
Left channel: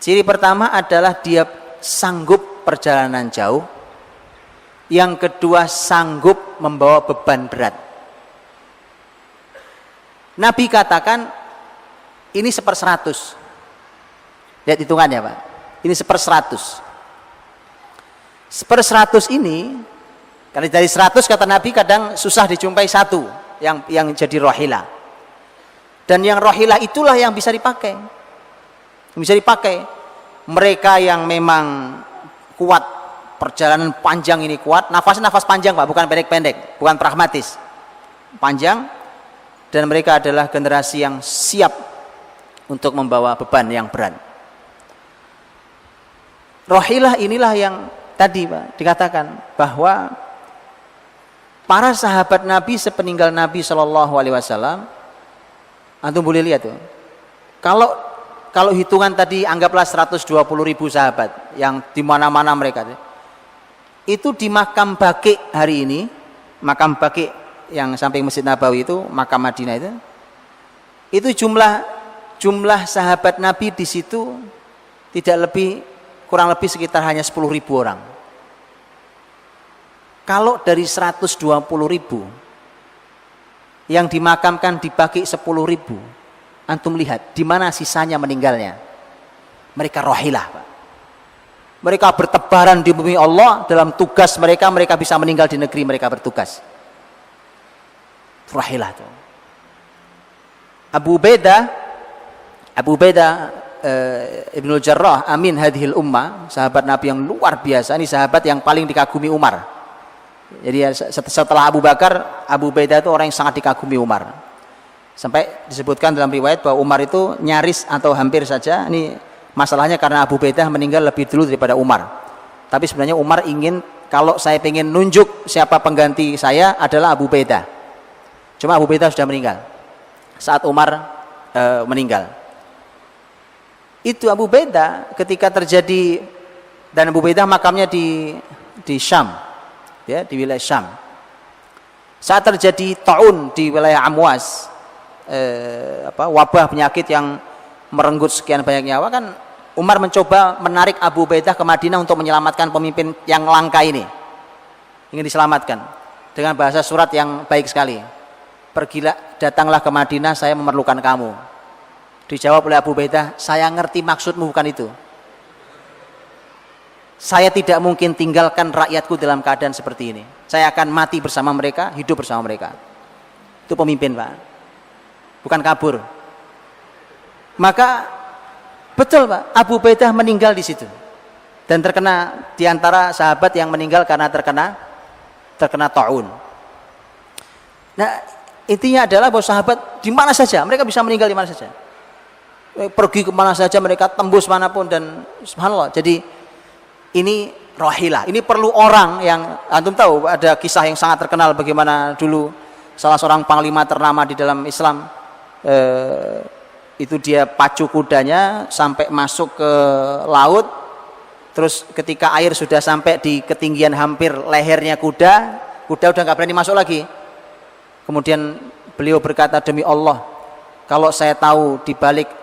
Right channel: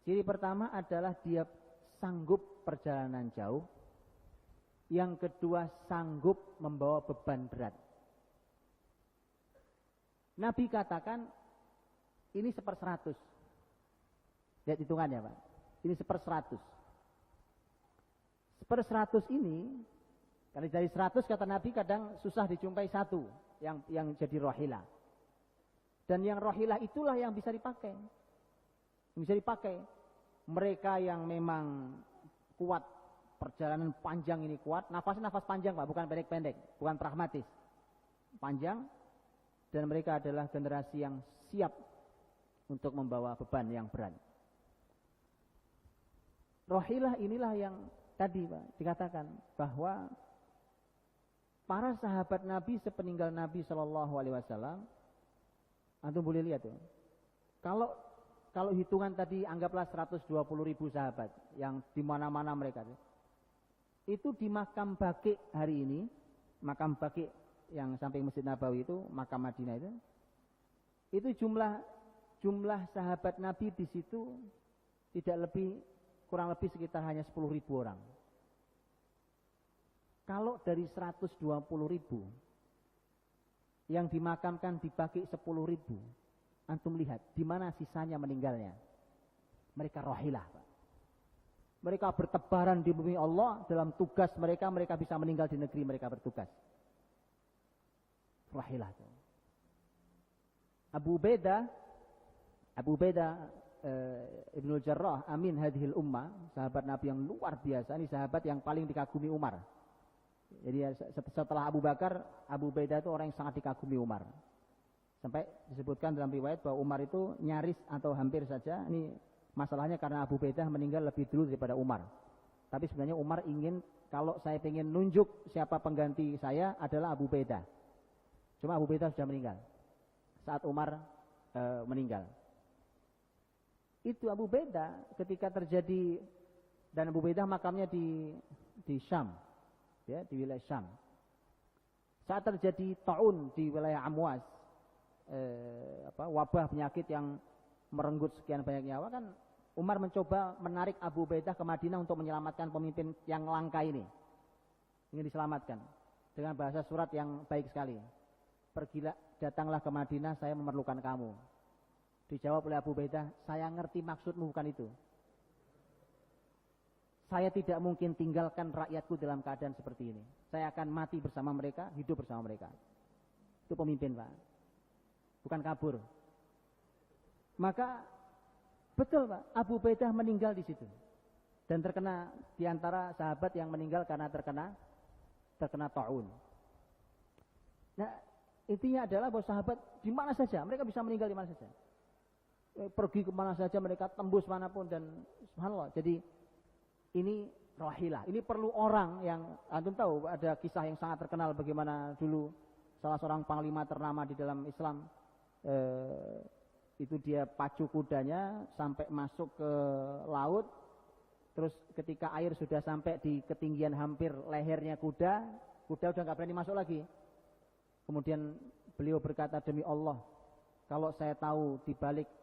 Ciri pertama adalah dia sanggup perjalanan jauh. Yang kedua, sanggup membawa beban berat. Nabi katakan ini 1/100. Lihat hitungannya, Pak. Ini 1/100. 1/100 ini, karena dari 100 kata Nabi kadang susah dijumpai satu yang jadi rohilah. Dan yang rohilah itulah yang bisa dipakai. Bisa dipakai. Mereka yang memang kuat, perjalanan panjang ini kuat, nafasnya nafas panjang, Pak, bukan pendek-pendek, bukan pragmatis. Panjang. Dan mereka adalah generasi yang siap untuk membawa beban yang berat. Rohilah inilah yang tadi, Pak, dikatakan bahwa para sahabat Nabi sepeninggal Nabi Shallallahu Alaihi Wasallam, antum boleh lihat tuh. Kalau hitungan tadi anggaplah 120.000 sahabat yang di mana-mana mereka, itu di makam Baqi hari ini, makam Baqi yang samping Masjid Nabawi itu, makam Madinah itu jumlah sahabat Nabi di situ kurang lebih sekitar hanya 10.000 orang. Kalau dari 120.000 yang dimakamkan dibagi 10.000, antum lihat di mana sisanya meninggalnya. Mereka rahilah, Pak. Mereka bertebaran di bumi Allah dalam tugas mereka, mereka bisa meninggal di negeri mereka bertugas. Rahilah tuh. Abu Ubaidah Ibnul Jarrah amin hadhil ummah, sahabat Nabi yang luar biasa. Ini sahabat yang paling dikagumi Umar. Jadi setelah Abu Bakar, Abu Ubaidah itu orang yang sangat dikagumi Umar. Sampai disebutkan dalam riwayat bahwa Umar itu nyaris atau hampir saja, ini masalahnya karena Abu Ubaidah meninggal lebih dulu daripada Umar. Tapi sebenarnya Umar ingin, kalau saya ingin nunjuk siapa pengganti saya adalah Abu Ubaidah. Cuma Abu Ubaidah sudah meninggal saat Umar meninggal. Itu Abu Ubaidah ketika terjadi, dan Abu Ubaidah makamnya di Syam. Ya, di wilayah Syam. Saat terjadi taun di wilayah Amwas, wabah penyakit yang merenggut sekian banyak nyawa, kan Umar mencoba menarik Abu Ubaidah ke Madinah untuk menyelamatkan pemimpin yang langka ini. Ingin diselamatkan dengan bahasa surat yang baik sekali. Pergilah, datanglah ke Madinah, saya memerlukan kamu. Dijawab oleh Abu Ubaidah, saya ngerti maksudmu bukan itu. Saya tidak mungkin tinggalkan rakyatku dalam keadaan seperti ini. Saya akan mati bersama mereka, hidup bersama mereka. Itu pemimpin, Pak. Bukan kabur. Maka betul, Pak, Abu Ubaidah meninggal di situ. Dan terkena di antara sahabat yang meninggal karena terkena taun. Nah, intinya adalah bahwa sahabat di mana saja, mereka bisa meninggal di mana saja. Pergi ke mana saja, mereka tembus manapun, dan subhanallah. Jadi ini rahilah, ini perlu orang yang, antum tahu ada kisah yang sangat terkenal bagaimana dulu salah seorang panglima ternama di dalam Islam, itu dia pacu kudanya sampai masuk ke laut, terus ketika air sudah sampai di ketinggian hampir lehernya kuda udah nggak berani masuk lagi. Kemudian beliau berkata, demi Allah, kalau saya tahu di balik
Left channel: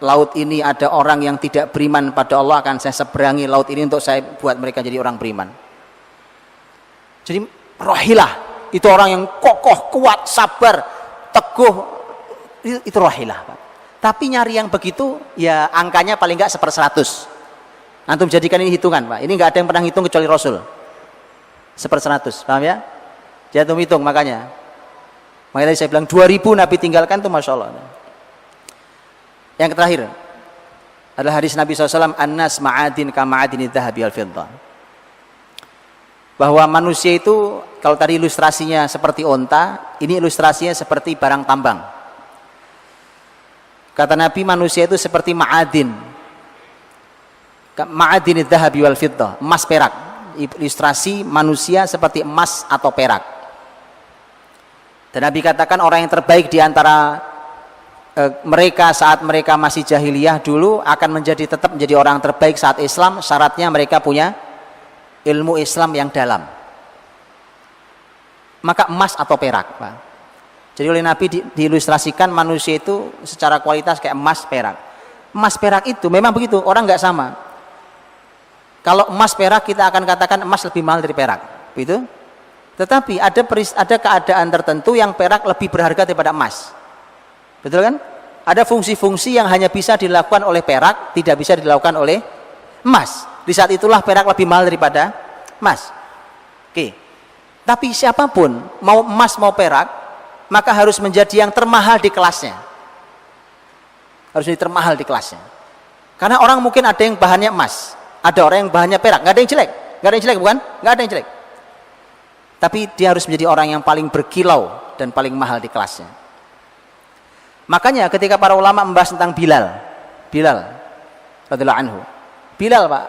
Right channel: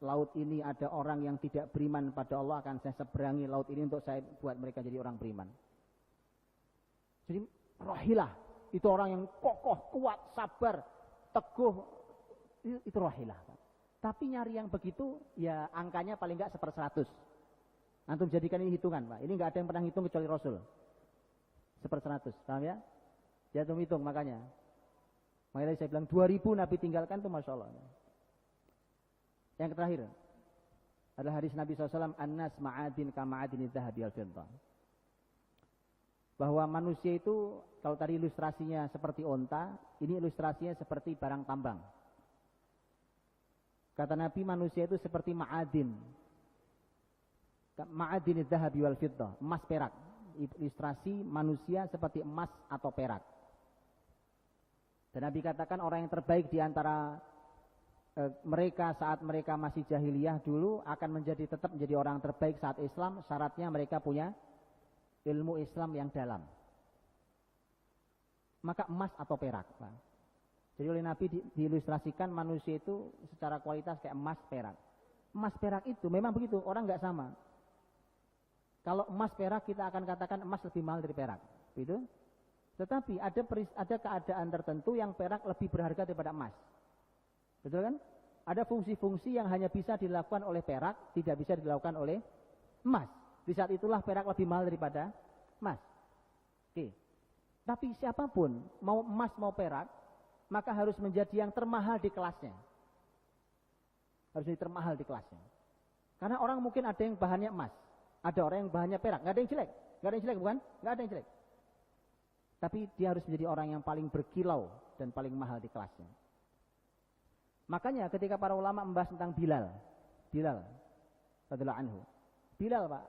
laut ini ada orang yang tidak beriman pada Allah, akan saya seberangi laut ini untuk saya buat mereka jadi orang beriman. Jadi rahilah, itu orang yang kokoh, kuat, sabar, teguh, itu rahilah, Pak. Tapi nyari yang begitu, ya angkanya paling nggak 1/100. Antum jadikan ini hitungan, Pak. Ini nggak ada yang pernah hitung kecuali Rasul. 1/100, paham ya? Jadi antum hitung, makanya tadi saya bilang 2000 Nabi tinggalkan tuh, Masya Allah. Yang terakhir adalah hadis Nabi SAW, An-nas ma'adin ka ma'adini dhahabi al-fiddah. Bahwa manusia itu, kalau tadi ilustrasinya seperti onta, ini ilustrasinya seperti barang tambang. Kata Nabi, manusia itu seperti ma'adin. Ma'adini dhahabi wal-fiddah, emas perak. Ilustrasi manusia seperti emas atau perak. Dan Nabi katakan orang yang terbaik di antara mereka saat mereka masih jahiliyah dulu akan tetap menjadi orang terbaik saat Islam. Syaratnya mereka punya ilmu Islam yang dalam. Maka emas atau perak, Pak. Jadi oleh Nabi diilustrasikan manusia itu secara kualitas kayak emas perak. Emas perak itu memang begitu, orang nggak sama. Kalau emas perak kita akan katakan emas lebih mahal dari perak, begitu. Tetapi ada keadaan tertentu yang perak lebih berharga daripada emas. Betul kan? Ada fungsi-fungsi yang hanya bisa dilakukan oleh perak, tidak bisa dilakukan oleh emas. Di saat itulah perak lebih mahal daripada emas. Oke. Tapi siapapun, mau emas mau perak, maka harus menjadi yang termahal di kelasnya. Harus menjadi termahal di kelasnya. Karena orang mungkin ada yang bahannya emas, ada orang yang bahannya perak, nggak ada yang jelek, bukan? Nggak ada yang jelek. Tapi dia harus menjadi orang yang paling berkilau dan paling mahal di kelasnya. Makanya ketika para ulama membahas tentang Bilal radhiyallahu anhu. Bilal, Pak,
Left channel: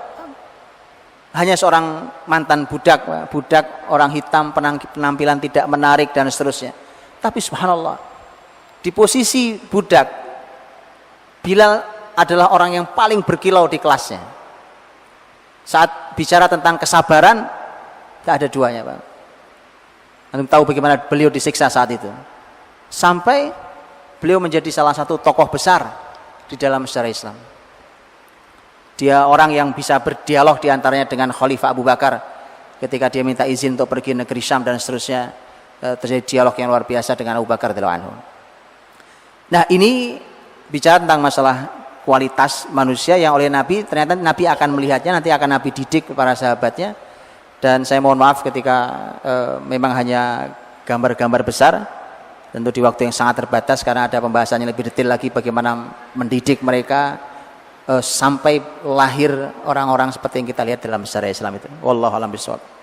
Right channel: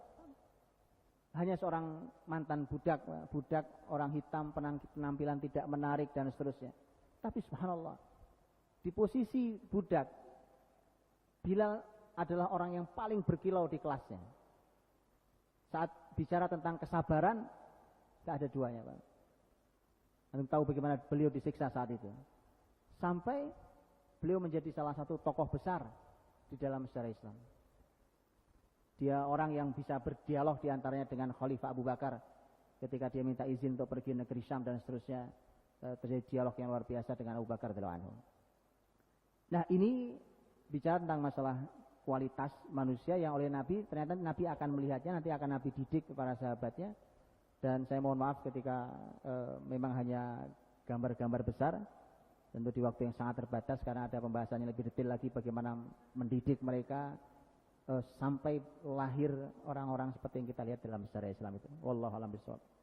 hanya seorang mantan budak, Pak. Budak orang hitam, penampilan tidak menarik dan seterusnya. Tapi subhanallah, di posisi budak, Bilal adalah orang yang paling berkilau di kelasnya. Saat bicara tentang kesabaran, tidak ada duanya, Pak. Anda tahu bagaimana beliau disiksa saat itu. Sampai beliau menjadi salah satu tokoh besar di dalam sejarah Islam. Dia orang yang bisa berdialog diantaranya dengan Khalifah Abu Bakar ketika dia minta izin untuk pergi negeri Syam dan seterusnya, terjadi dialog yang luar biasa dengan Abu Bakar radhiyallahu anhu. Nah, ini bicara tentang masalah kualitas manusia yang oleh Nabi, ternyata Nabi akan melihatnya, nanti akan Nabi didik para sahabatnya. Dan saya mohon maaf ketika memang hanya gambar-gambar besar, tentu di waktu yang sangat terbatas karena ada pembahasannya lebih detail lagi bagaimana mendidik mereka sampai lahir orang-orang seperti yang kita lihat dalam sejarah Islam itu. Wallahu a'lam bishawab.